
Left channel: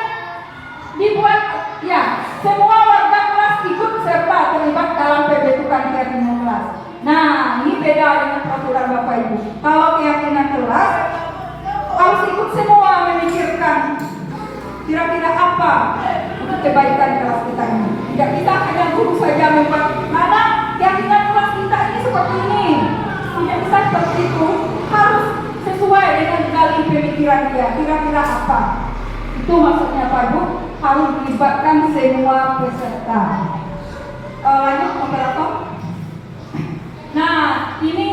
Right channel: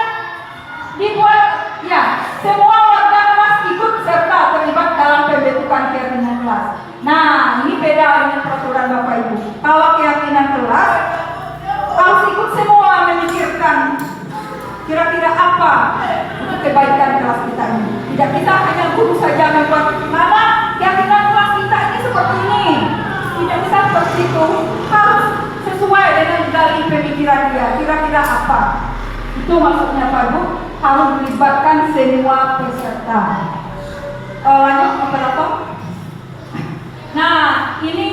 dibuat, ya, semua warga kelas ikut serta terlibat dalam pembentukan keyakinan kelas. Nah, ini beda dengan peraturan Bapak Ibu. Kalau keyakinan kelas harus ikut semua memikirkan kira-kira apa untuk kebaikan kelas kita ini. Tidak kita hanya guru saja membuat, karena keyakinan kelas kita ini seperti ini. Tidak bisa seperti itu, harus sesuai dengan dari pemikiran dia. Kira-kira apa? Itu maksudnya Pak Ibu, harus melibatkan semua peserta. Lanjut operator. Nah, ini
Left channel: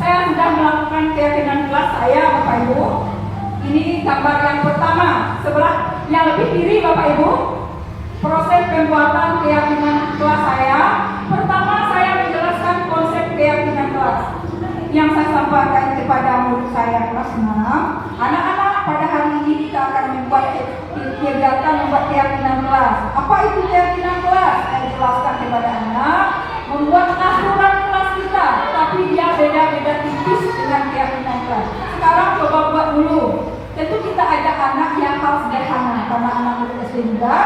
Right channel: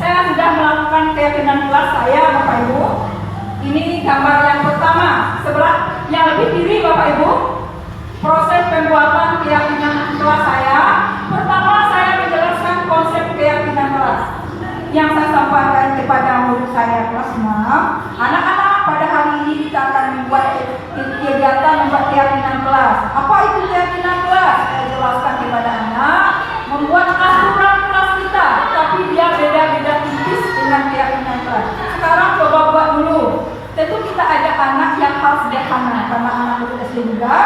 saya sudah melakukan keyakinan kelas saya Bapak Ibu. Ini gambar yang pertama, sebelah yang lebih kiri Bapak Ibu. Proses pembuatan keyakinan kelas saya. Pertama saya menjelaskan konsep keyakinan kelas yang saya sampaikan kepada murid saya kelas 6. Anak-anak, pada hari ini kita akan membuat kegiatan membuat keyakinan kelas. Apa itu keyakinan kelas? Saya jelaskan kepada anak. Membuat aturan kelas kita, tapi dia beda-beda tipis dengan keyakinan kelas. Sekarang coba buat dulu. tentu kita ada anak yang harus sederhana karena anak murid SD juga.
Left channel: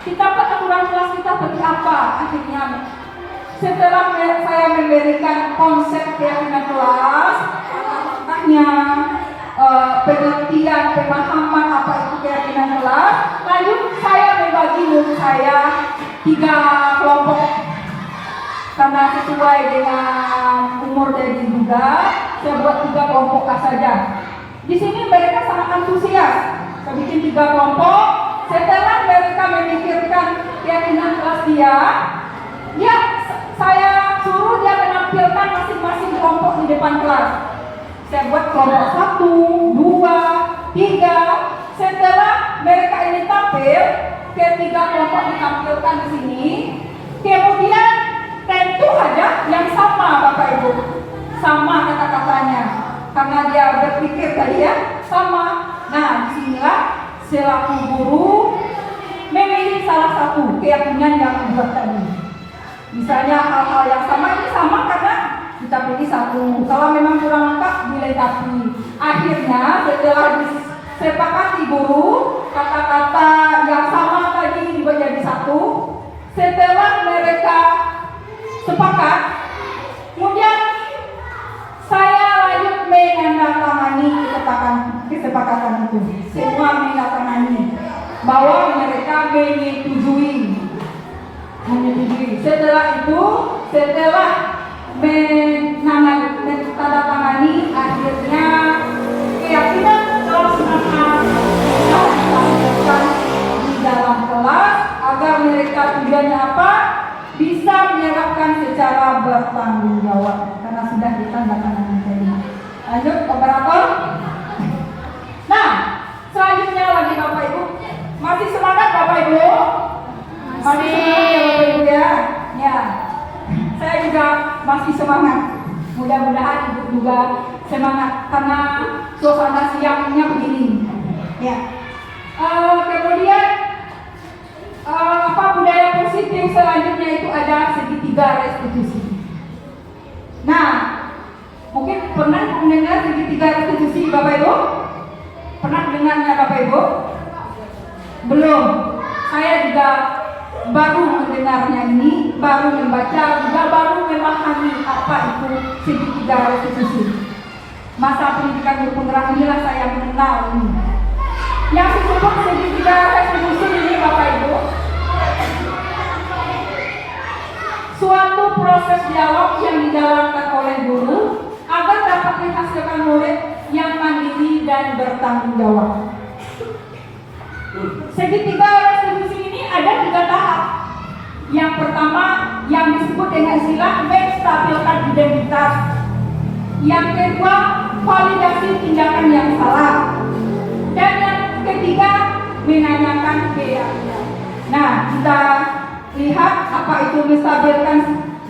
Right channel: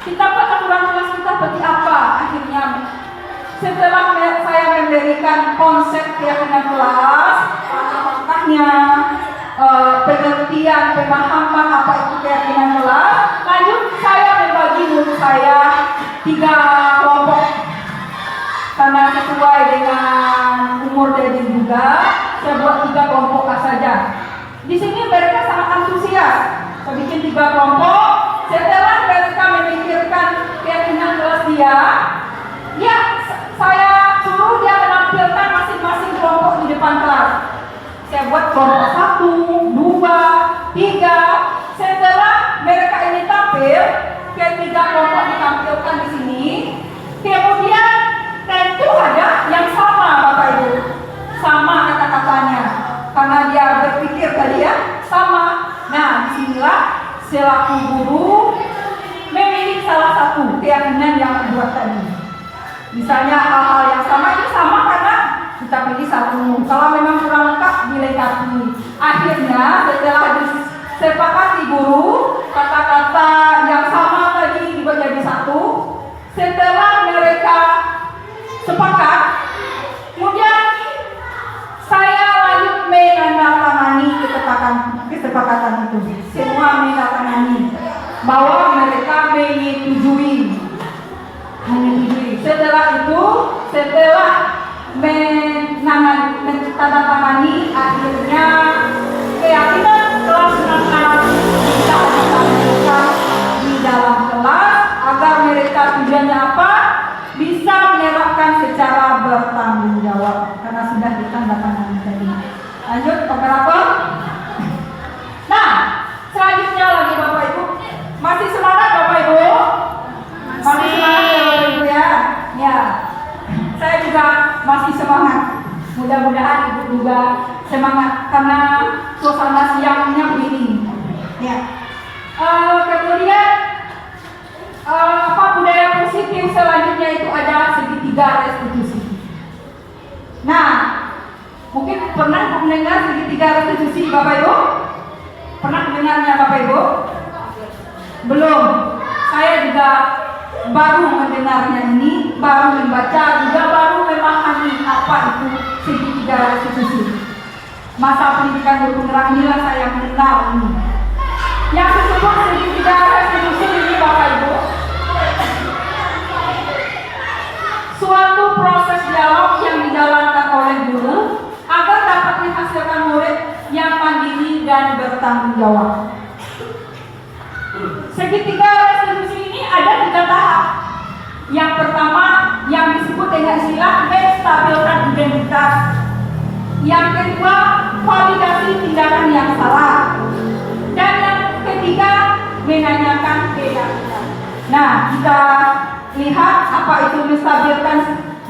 Kita buat aturan kelas kita seperti apa? Akhirnya setelah saya memberikan konsep keyakinan kelas, langkahnya, pengertian, pemahaman apa itu keyakinan kelas, lanjut saya membagi murid saya 3 kelompok karena sesuai dengan umur dari juga, saya buat 3 kelompok saja. Di sini mereka sangat antusias. Saya bikin 3 kelompok. Setelah mereka memikirkan keyakinan kelas dia, ya saya suruh dia menampilkan masing-masing kelompok di depan kelas. Saya buat kelompok 1, 2, 3. Setelah mereka ini tampil, ketiga kelompok ditampilkan di sini. Kemudian tentu ada yang sama Bapak Ibu, sama kata-katanya, karena dia berpikir tadi ya sama. Nah, disinilah selaku guru memilih salah satu keyakinan yang buat tadi. Misalnya hal-hal yang sama ini sama karena kita pilih satu. Kalau memang kurang lengkap dilengkapi. Akhirnya setelah disepakati guru kata-kata yang sama tadi dibuat jadi satu. Setelah mereka sepakat, kemudian saya lanjut menandatangani kesepakatan itu. Semua menandatangani bahwa mereka menyetujui. Setelah itu, setelah menandatangani, akhirnya keyakinan kelas akan kita tampilkan di dalam kelas agar mereka tujuannya apa? Bisa menyerahkan secara bertanggung jawab karena sudah ditandatangani tadi. Lanjut operator. Nah, selanjutnya lagi Bapak Ibu, masih semangat Bapak Ibu? Masih semangat ya Bapak Ibu ya? Ya, saya juga masih semangat. Mudah-mudahan Ibu juga semangat karena suasana siangnya begini. Ya. Kemudian budaya positif selanjutnya itu ada segitiga restitusi. Nah, mungkin pernah mendengar segitiga restitusi Bapak Ibu? Pernah mendengarnya Bapak Ibu? Belum. Saya juga baru mendengarnya ini, baru membaca, juga baru memahami apa itu segitiga restitusi. Masa pendidikan guru penggerak inilah saya mengenal ini. Yang disebut segitiga restitusi ini Bapak Ibu, suatu proses dialog yang dijalankan oleh guru agar dapat menghasilkan murid yang mandiri dan bertanggung jawab. Segitiga restitusi ini ada 3 tahap. Yang pertama yang disebut dengan istilah menstabilkan identitas. Yang kedua validasi tindakan yang salah. Dan yang ketiga menanyakan keyakinan. Nah, kita lihat apa itu menstabilkan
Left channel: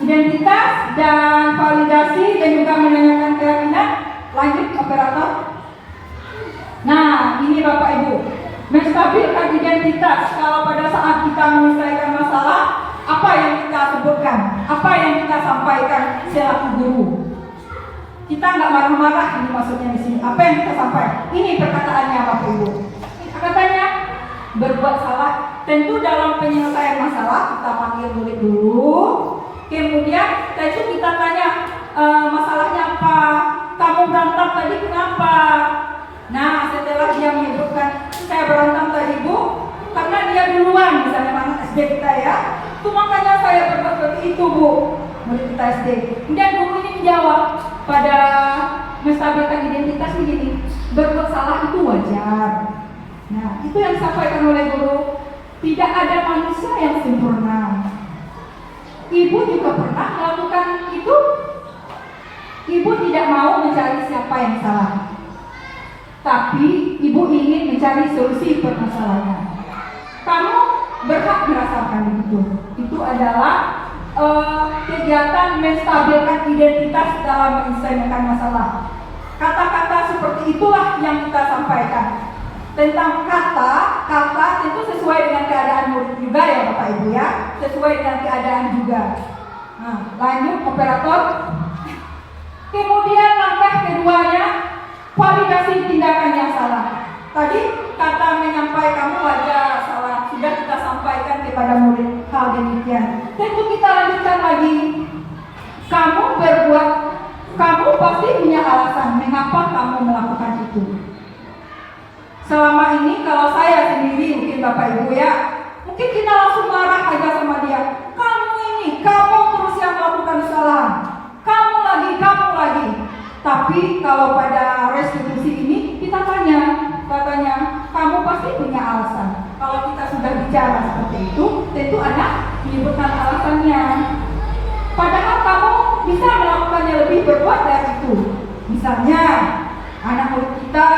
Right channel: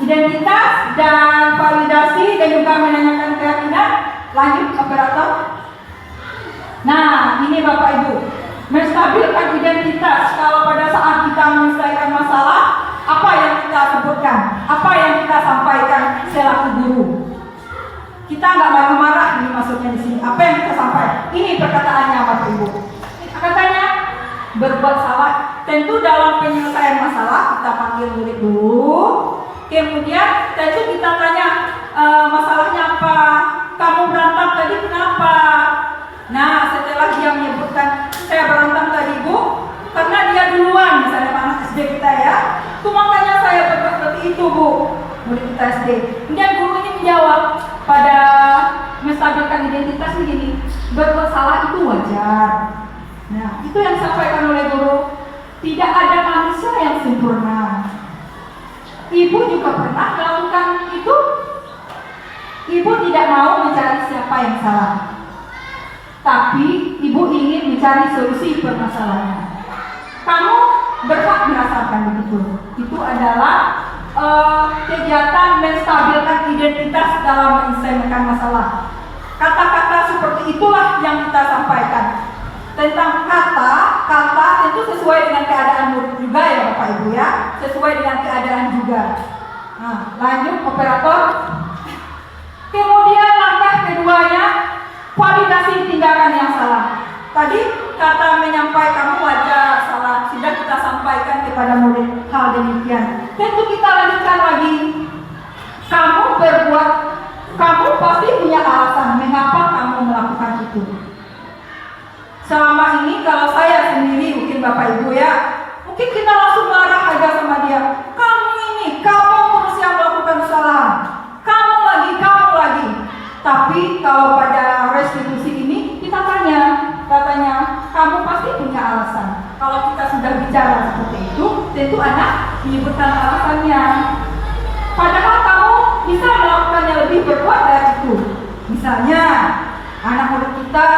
identitas dan validasi dan juga menanyakan keyakinan. Lanjut operator. Nah, ini Bapak Ibu, menstabilkan identitas. Kalau pada saat kita menyelesaikan masalah, apa yang kita sebutkan, apa yang kita sampaikan selaku guru. Kita nggak marah-marah, ini maksudnya di sini. Apa yang kita sampaikan? Ini perkataannya Bapak Ibu. Katanya berbuat salah. Tentu dalam penyelesaian masalah kita panggil murid dulu. Kemudian tentu kita tanya masalahnya apa? Kamu berantem tadi kenapa? Nah, setelah dia menyebutkan saya berantem tadi Bu, karena dia duluan, misalnya anak SD kita ya. Itu makanya saya berbuat seperti itu Bu, murid kita SD. Kemudian guru ini menjawab pada menstabilkan identitas begini, berbuat salah itu wajar. Nah, itu yang disampaikan oleh guru. Tidak ada manusia yang sempurna. Ibu juga pernah melakukan itu. Ibu tidak mau mencari siapa yang salah, tapi ibu ingin mencari solusi permasalahannya. Kamu berhak merasakan begitu. Itu adalah kegiatan menstabilkan identitas dalam menyelesaikan masalah. Kata-kata seperti itulah yang kita sampaikan. Tentang kata tentu sesuai dengan keadaan murid juga ya Bapak Ibu ya, sesuai dengan keadaan juga. Nah, lanjut operator. Kemudian langkah keduanya, validasi tindakan yang salah. Tentu kita lanjutkan lagi. Kamu pasti punya alasan mengapa kamu melakukan itu. Selama ini kalau saya sendiri, mungkin Bapak Ibu ya, mungkin kita langsung marah aja sama dia. Kamu terus yang melakukan kesalahan. Kamu lagi. Tapi kalau pada restitusi ini kita katanya kamu pasti punya alasan. Kalau kita sudah bicara seperti itu, tentu anak menyebutkan alasannya. Padahal kamu bisa melakukannya lebih berbuat dari itu. Misalnya anak murid kita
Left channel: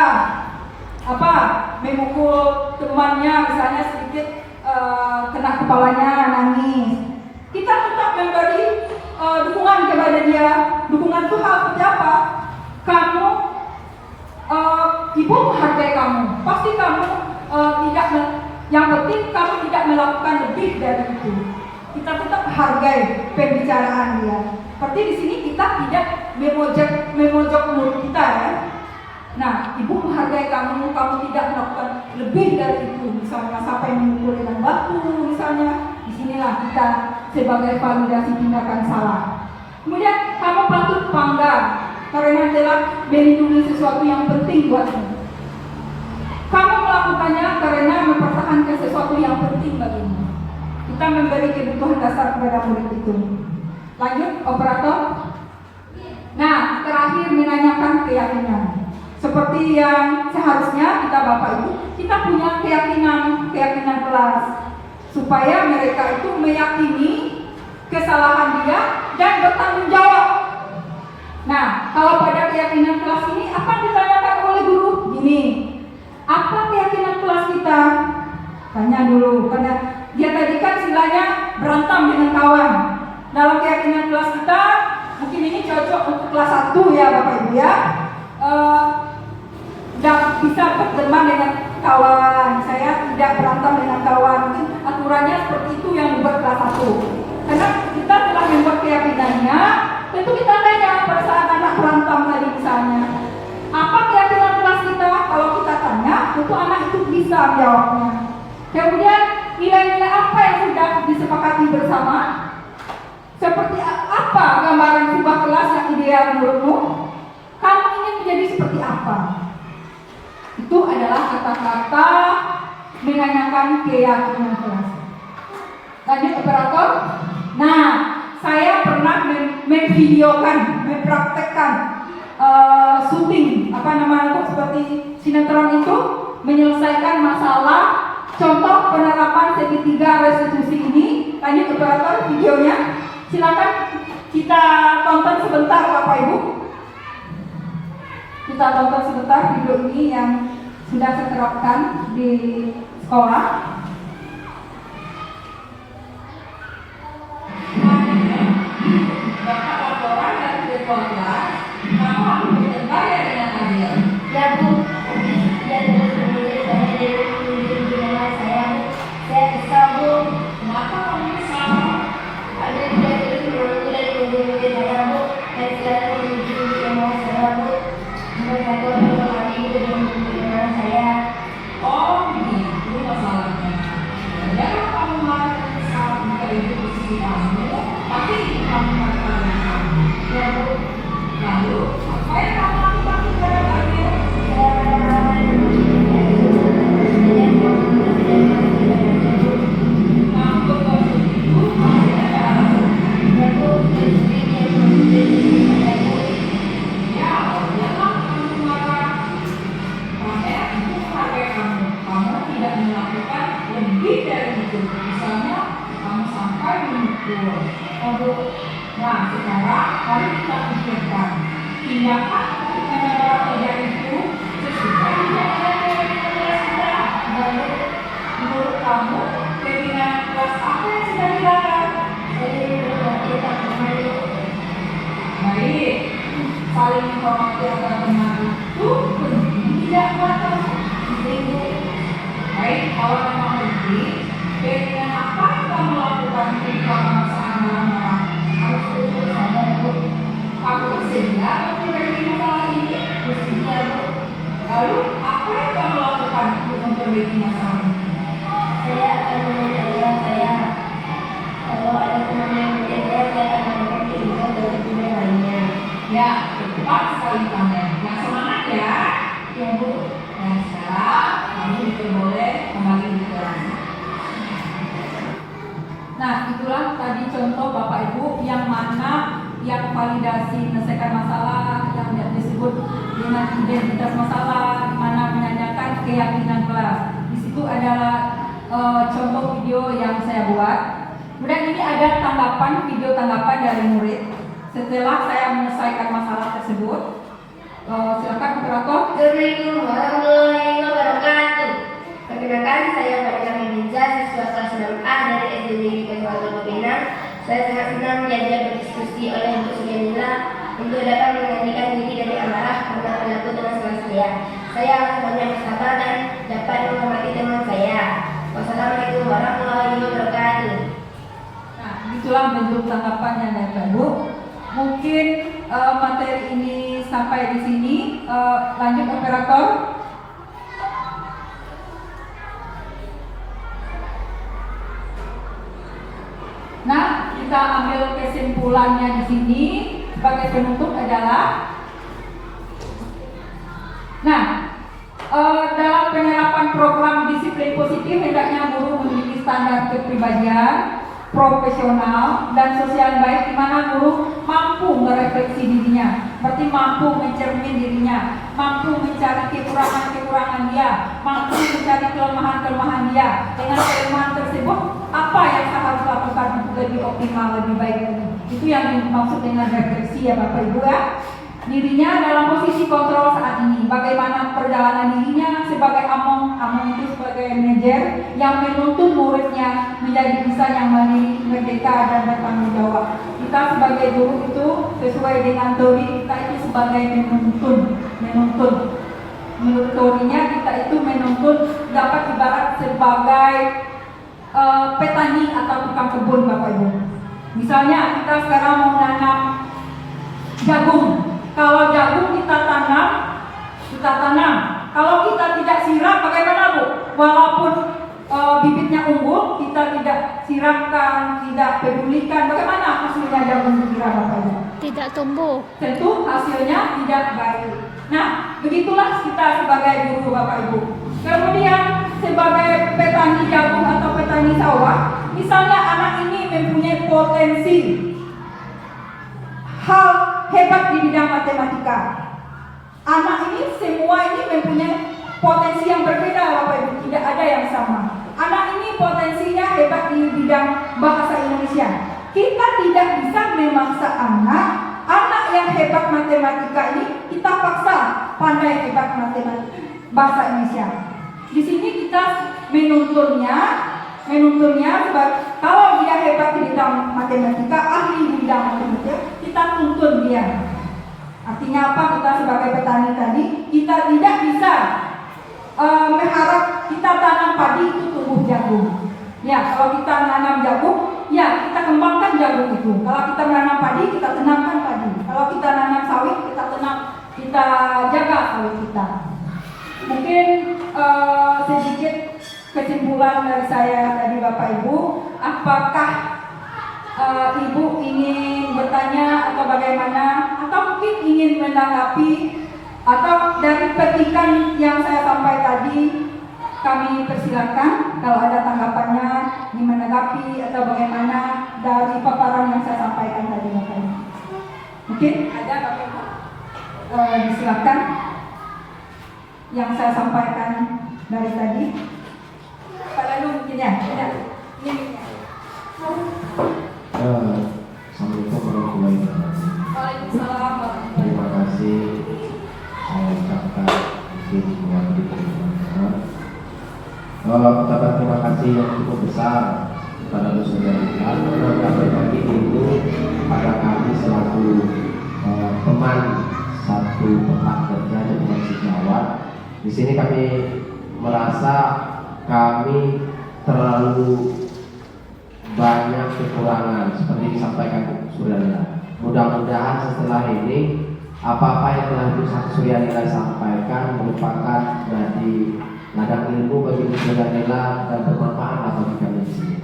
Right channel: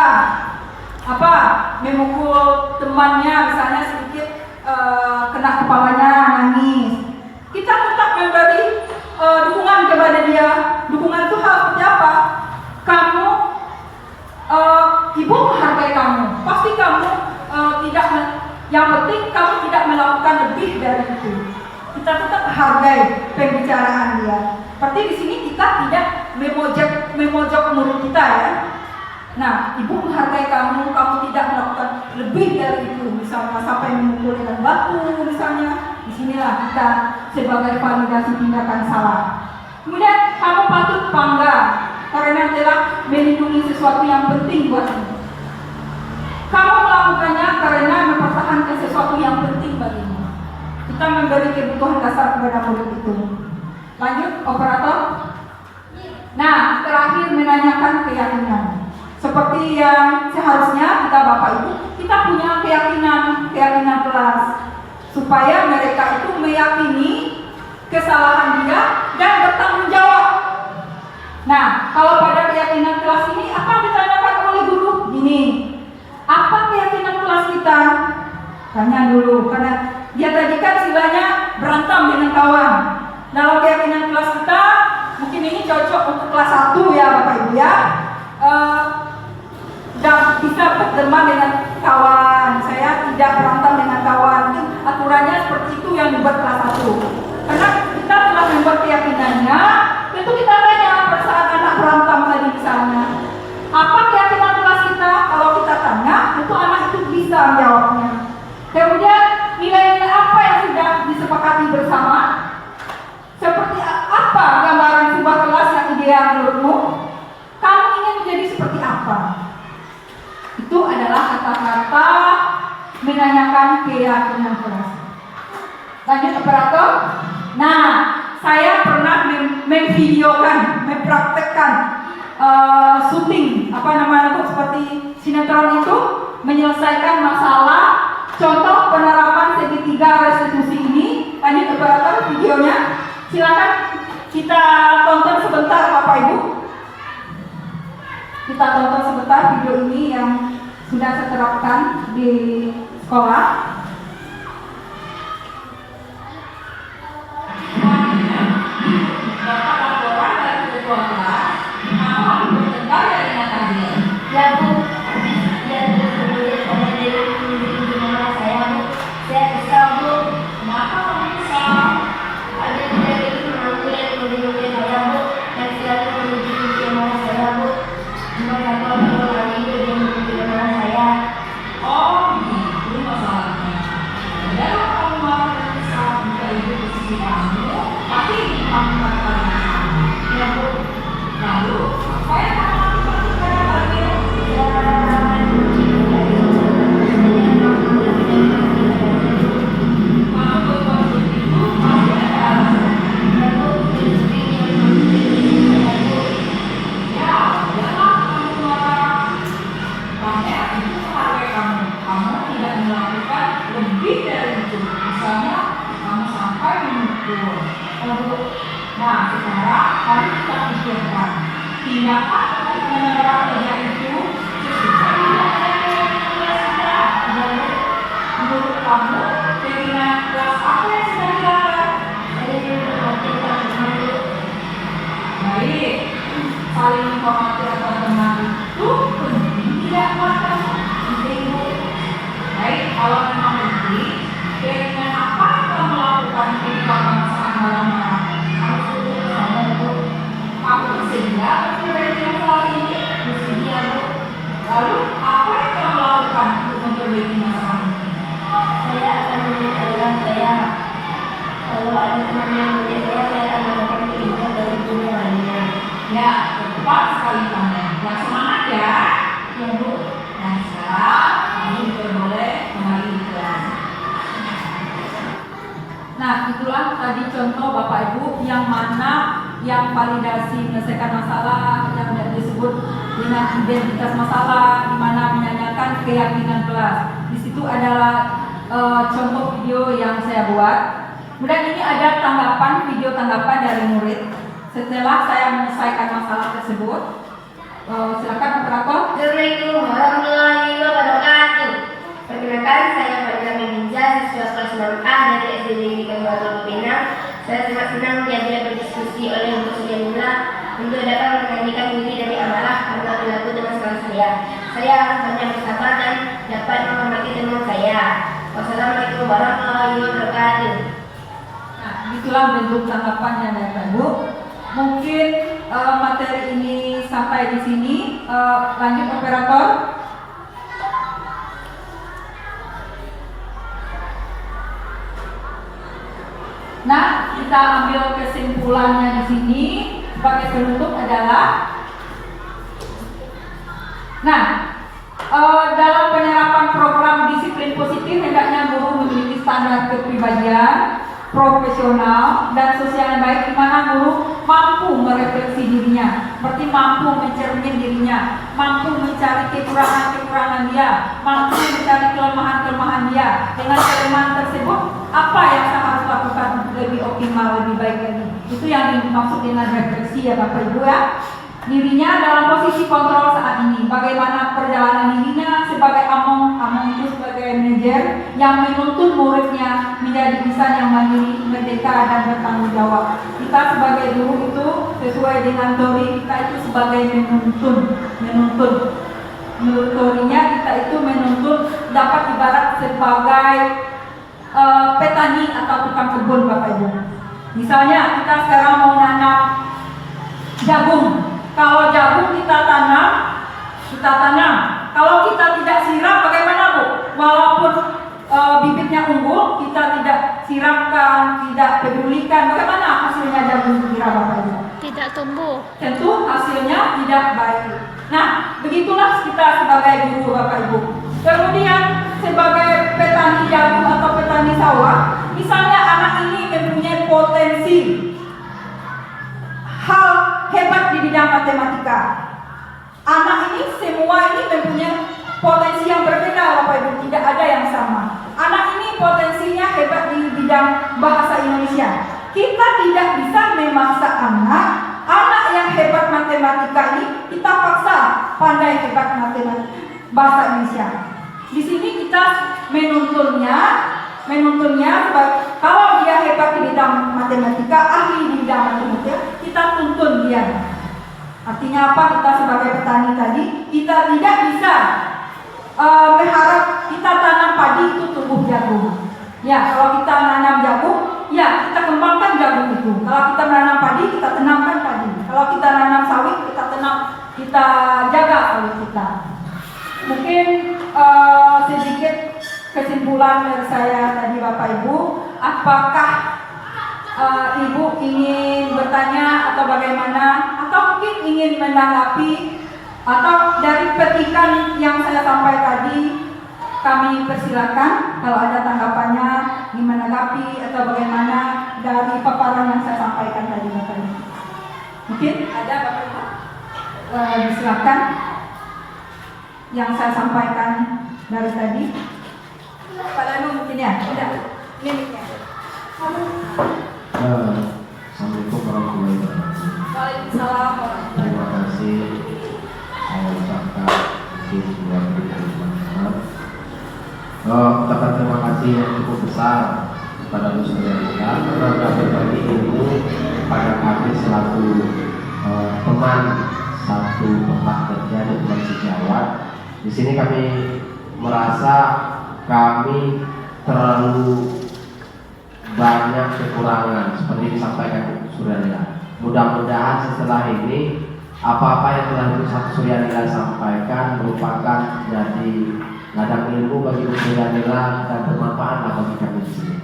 memukul temannya, misalnya sedikit kena kepalanya, nangis. Kita tetap memberi dukungan kepada dia. Dukungan itu hal seperti apa? Ibu menghargai kamu. Pasti kamu yang penting kamu tidak melakukan lebih dari itu. Kita tetap hargai pembicaraan dia. Seperti di sini kita tidak memojok murid kita ya. Nah, ibu menghargai kamu tidak melakukan lebih dari itu, misalnya sampai memukul dengan batu, misalnya. Disinilah kita sebagai validasi tindakan salah. Kemudian kamu patut bangga karena telah melindungi sesuatu yang penting buatmu. Kamu melakukannya karena mempertahankan sesuatu yang penting bagimu. Kita memberi kebutuhan dasar kepada murid itu. Lanjut, operator. Nah, terakhir menanyakan keyakinan. Seperti yang seharusnya kita Bapak Ibu, kita punya keyakinan kelas. Supaya mereka itu meyakini kesalahan dia dan bertanggung jawab. Nah, kalau pada keyakinan kelas ini, apa ditanyakan oleh guru? Ini, apa keyakinan kelas kita? Tanya dulu, karena dia tadi kan istilahnya berantem dengan kawan. Dalam keyakinan kelas kita, mungkin ini cocok untuk kelas 1 ya Bapak Ibu ya. Dan bisa berteman dengan kawan. Saya tidak berantem dengan kawan. Itu aturannya seperti itu yang dibuat kelas 1. Karena kita telah membuat keyakinannya, tentu kita tanya pada saat anak berantem tadi misalnya, apa keyakinan kelas kita? Kalau kita tanya, tentu anak itu bisa menjawabnya. Kemudian nilai-nilai apa yang sudah disepakati bersama? Seperti apa gambaran sebuah kelas yang ideal menurutmu? Kamu ingin menjadi seperti apa? Itu adalah kata-kata menanyakan keyakinan kelas. Lanjut operator. Nah, saya pernah memvideokan, mempraktekkan syuting seperti sinetron itu, menyelesaikan masalah. Contoh penerapan segitiga restitusi ini. Lanjut operator videonya. Silakan kita tonton sebentar Bapak Ibu. Kita tonton sebentar video ini yang sudah saya terapkan di sekolah. Bapak laporan dari ketua kelas, kamu harus berdebat dengan adil. Ya Bu, ya saya kesal Bu. Kenapa kamu kesal? Ada tidak itu mengganggu dan mengganggu saya Bu. Dan selalu menunjukkan kemauan saya Bu. Memang lagi belum menunjukkan saya. Oh, itu masalahnya. Ya, kamu marah dan kesal jika itu posisi kamu, tapi kamu marah. Ya Bu. Lalu, apa yang kamu lakukan kepada adil? Kamu berbuat begitu, pasti ada alasan. Ya, jangan kamu marah. Karena itu menghargai kamu. Kamu tidak melakukan lebih dari itu. Misalnya, kamu sampai memukul. Nah, sekarang harus kita pikirkan. Tindakan yang terjadi itu sesuai dengan kelas kita. Menurut kamu, keinginan kelas apa yang sedang dilakukan? Baik, saling menghormati antar teman itu penting tidak kuatkan. Baik, kalau memang penting, keinginan apa yang kamu lakukan ketika kamu saat marah-marah? Harus tutup sama itu. Kamu bersedia memperbaiki masalah ini? Bersedia, Bu. Lalu, apa yang kamu lakukan untuk memperbaiki masalah ini? Saya akan mengajarkan saya kalau ada contoh Bapak Ibu yang mana yang validasi menyelesaikan masalah yang disebut dengan identitas masalah, di mana menanyakan keyakinan kelas. Di situ adalah contoh video yang saya buat. Kemudian ini ada video tanggapan dari murid setelah saya menyelesaikan masalah tersebut. Silakan operator. Assalamualaikum warahmatullahi wabarakatuh. Perkenalkan, saya Fatima Binja, siswa kelas 6A dari SD Negeri Kabupaten Pinang. Saya sangat senang diajak berdiskusi oleh Bu Sujanila untuk dapat menyanyikan diri dari amarah karena berlaku dengan salah saya. Saya akan banyak bersabar dan dapat menghormati teman saya. Wassalamualaikum warahmatullahi wabarakatuh. Nah, itulah bentuk tanggapannya dari Ibu. Mungkin materi ini sampai di sini. Lanjut operator. Nah, kita ambil kesimpulannya di sini sebagai penutup adalah, dalam penerapan program disiplin positif hendaknya guru memiliki standar kepribadian, profesional dan sosial yang baik, di mana guru mampu merefleksi dirinya, seperti mampu mencermin dirinya, mampu mencari kekurangan-kekurangan dia, mampu mencari kelemahan-kelemahan dia. Dengan kelemahan tersebut, apa yang saya harus lakukan untuk lebih optimal, lebih baik lagi. Itu yang dimaksud dengan refleksi ya Bapak Ibu ya. Dirinya dalam posisi kontrol saat ini, bagaimana perjalanan dirinya sebagai among itu sebagai manajer yang menuntun muridnya menjadi insan yang mandiri, merdeka dan bertanggung jawab. Kita sebagai guru itu sesuai dengan teori kita itu sebagai menuntun. Menurut teorinya kita itu menuntun dapat ibarat sebagai petani atau tukang kebun Bapak Ibu. Misalnya kita sekarang mau nanam jagung. Kalau jagung kita tanam. Kalau kita tidak siram, bagaimana Bu? Walaupun bibitnya unggul, kita tidak siramkan, tidak pedulikan, bagaimana hasilnya jagung kira Bapak Ibu? Tidak tumbuh. Tentu hasilnya tidak baik. Nah, begitulah kita sebagai guru Bapak Ibu. Kemudian sebagai petani jagung atau petani sawah, misalnya anak ini mempunyai potensi hal hebat di bidang matematika. Anak ini semua ini mempunyai potensi yang berbeda Bapak Ibu, tidak ada yang sama. Anak ini potensinya hebat di bidang bahasa Indonesia. Kita tidak bisa memaksa anak yang hebat matematika ini kita paksa pandai hebat matematika bahasa Indonesia. Di sini kita menuntunnya kalau dia hebat di bidang matematika, ahli di bidang matematika, kita tuntun dia. Artinya apa? Kita sebagai petani tadi, kita tidak bisa berharap kita tanam padi itu tumbuh jagung. Ya, kalau kita nanam jagung, ya kita kembangkan jagung itu. Kalau kita menanam padi, kita tanamkan padi. Kalau kita nanam sawit, kita jaga sawit kita. Mungkin sedikit kesimpulan dari saya tadi Bapak Ibu, apakah Ibu ingin bertanya atau bagaimana, atau mungkin ingin menanggapi, atau dari petikan yang saya sampaikan tadi kami persilakan kalau ada tanggapannya, ingin menanggapi atau bagaimana dari paparan yang saya sampaikan tadi Bapak Ibu. Mungkin ada Bapak Ibu, silakan yang saya sampaikan dari tadi. Pak Danu mungkin ya, tidak. Ini ya. Assalamualaikum warahmatullahi wabarakatuh. Waalaikumsalam. Terima kasih saya ucapkan mungkin buat teman-teman. Ucapan terima kasih yang cukup besar kepada Bu Sujanila karena sudah berbagi ilmu pada kami selaku teman satu tempat kerja di teman sejawat. Di sini kami merasa kami terlalu banyak kekurangan seperti disampaikan Bu Sujanila. Mudah-mudahan setelah ini apa-apa yang telah Bu Sujanila sampaikan merupakan dari ladang ilmu bagi Bu Sujanila dan bermanfaat bagi kami di sini.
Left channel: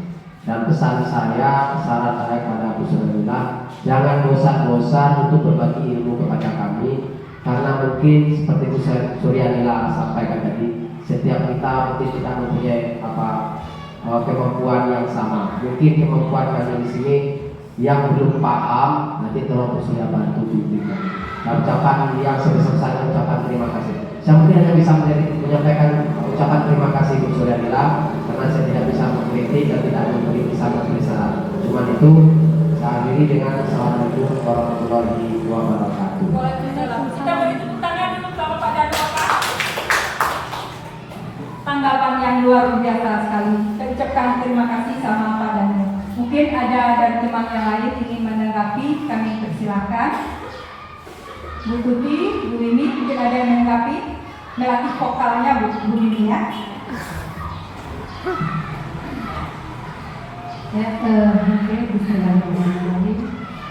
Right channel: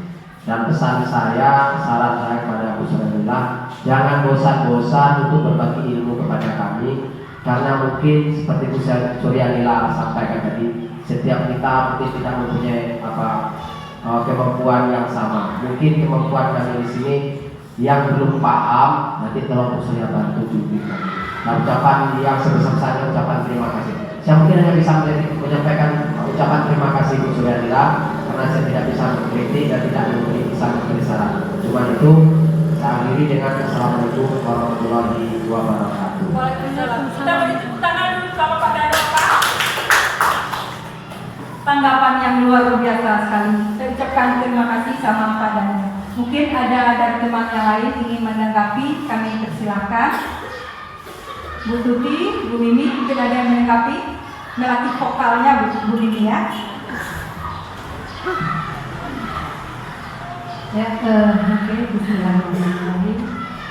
Dan pesan saya, saran saya kepada Bu Sujanila, jangan bosan-bosan untuk berbagi ilmu kepada kami, karena mungkin seperti Bu Sujanila sampaikan tadi, setiap kita mungkin tidak mempunyai kemampuan yang sama. Mungkin kemampuan kami di sini Yang belum paham nanti tolong saya bantu bimbingkan. Nah, ucapan yang sebesar-besarnya ucapan terima kasih. Saya mungkin hanya bisa menyampaikan ucapan terima kasih Bu Suryadila karena saya tidak bisa mengkritik dan tidak bisa memberi saran. Cuma itu saya akhiri dengan Assalamualaikum warahmatullahi wabarakatuh. Waalaikumsalam. Kita beri tepuk tangan dulu sama Pak Dado, Pak. Tanggapan yang luar biasa sekali. Saya ucapkan terima kasih sama Pak Dado. Mungkin ada dari teman yang lain ingin menanggapi, kami persilahkan. Bu Tuti, Bu Mimi, mungkin ada yang menanggapi. Melatih vokalnya Bu Mimi ya. Ya, oke, bismillahirrahmanirrahim.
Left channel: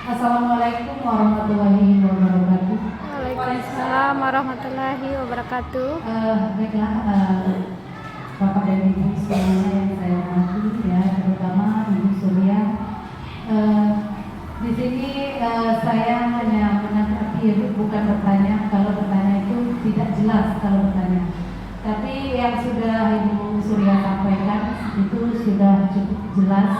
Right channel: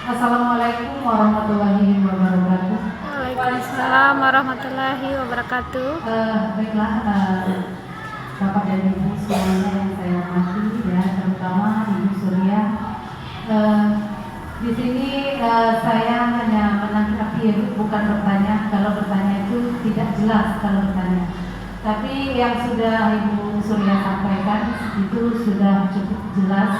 Assalamualaikum warahmatullahi wabarakatuh. Waalaikumsalam warahmatullahi wabarakatuh. Baiklah, Bapak dan Ibu semuanya yang saya hormati, ya, terutama Ibu Surya. Di sini saya hanya menanggapi, bukan bertanya. Kalau bertanya itu tidak jelas kalau bertanya. Tapi yang sudah Ibu Surya sampaikan itu sudah cukup jelas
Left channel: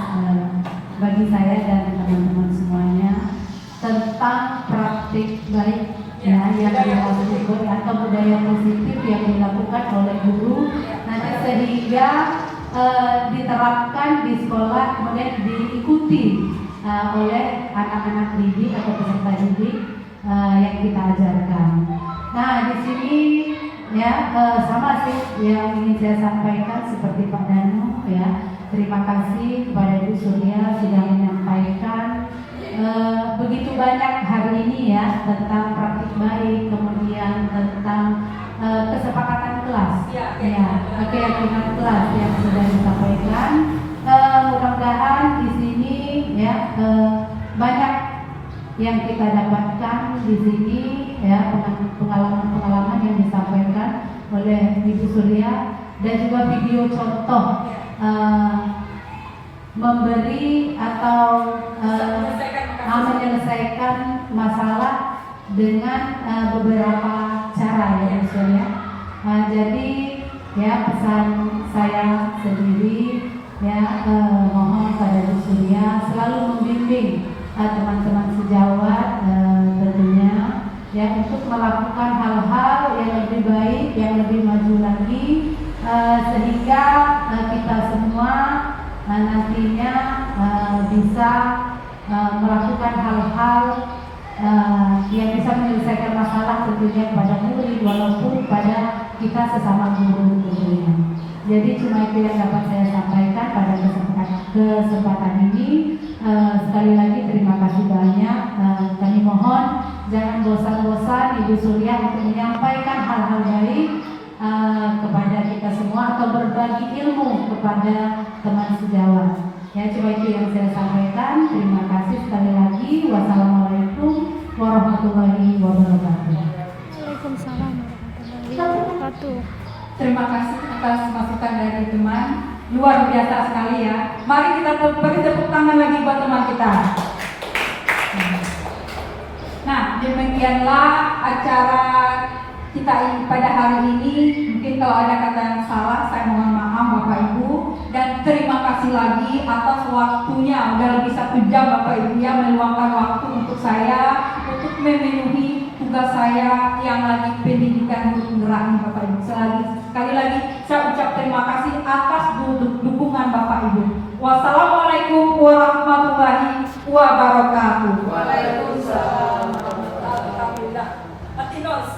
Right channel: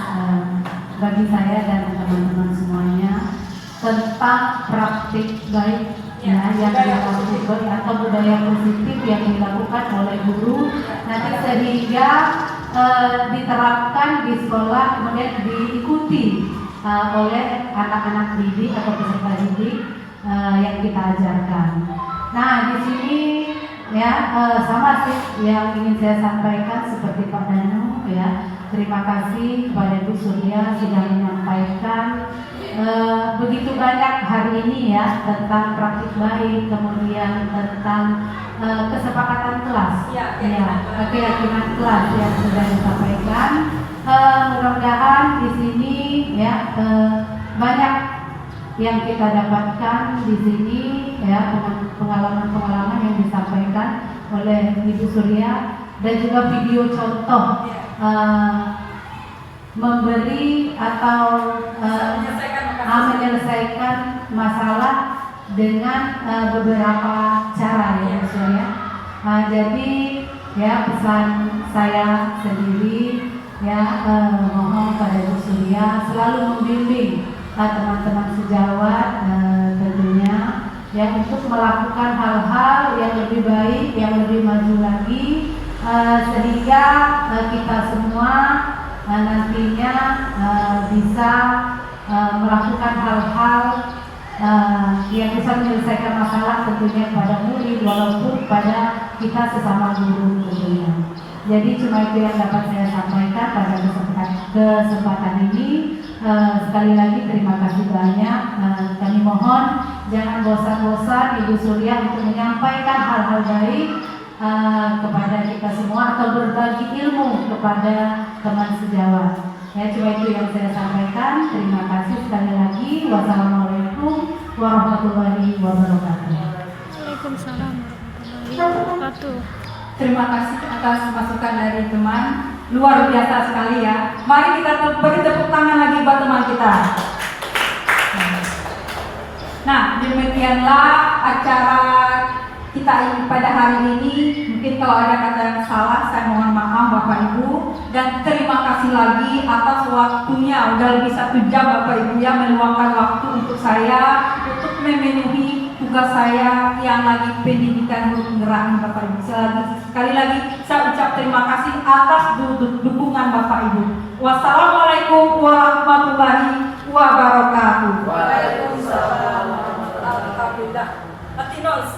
bagi saya dan teman-teman semuanya tentang praktik baik ya, yang dilakukan atau budaya positif yang dilakukan oleh guru nanti sehingga diterapkan di sekolah kemudian diikuti oleh anak-anak didik atau peserta didik yang kita ajarkan. Nah, di sini ya sama sih yang ingin saya sampaikan seperti Pak Danu ya. Terima kasih kepada Ibu Surya sudah menyampaikan begitu banyak hari ini ya tentang praktik baik, kemudian tentang kesepakatan kelas, keyakinan kelas yang sudah disampaikan. Mudah-mudahan di sini ya banyak yang kita dapatkan di sini ya pengalaman-pengalaman yang disampaikan oleh Ibu Surya dan juga video contoh memberi atau menyelesaikan masalah dengan beberapa cara ya Bu Surya. Jadi ya pesan saya sendiri ya mohon pada Bu Surya selalu membimbing teman-teman sejawat tentunya ya untuk melakukan hal-hal yang lebih baik, yang lebih maju lagi sehingga kita semua nantinya bisa melakukan hal-hal yang bisa menyelesaikan masalah tentunya pada murid walaupun pada kita sesama guru tentunya. Jadi cuma itu yang dapat saya sampaikan pada kesempatan ini. Sekali lagi terima kasih banyak. Kami mohon jangan bosan-bosan Ibu Surya untuk menyampaikan hal-hal baik kepada kita semua atau berbagi ilmu kepada teman sejawat. Ya, cuma itu yang saya sampaikan. Terima kasih sekali lagi. Wassalamualaikum warahmatullahi wabarakatuh. Waalaikumsalam warahmatullahi wabarakatuh. Terima kasih atas masukan dari teman. Luar biasa sekali ya. Mari kita beri tepuk tangan lagi buat teman kita. Nah, demikianlah acara kita ini pada hari ini. Mungkin kalau ada kata yang salah, saya mohon maaf Bapak Ibu. Dan terima kasih lagi atas waktunya. Udah lebih 1 jam Bapak Ibu ya meluangkan waktu untuk saya untuk memenuhi tugas saya yang lagi pendidikan guru penggerak Bapak Ibu. Sekali lagi saya ucap terima kasih atas dukungan Bapak Ibu. Wassalamualaikum warahmatullahi wabarakatuh. Waalaikumsalam. Alhamdulillah.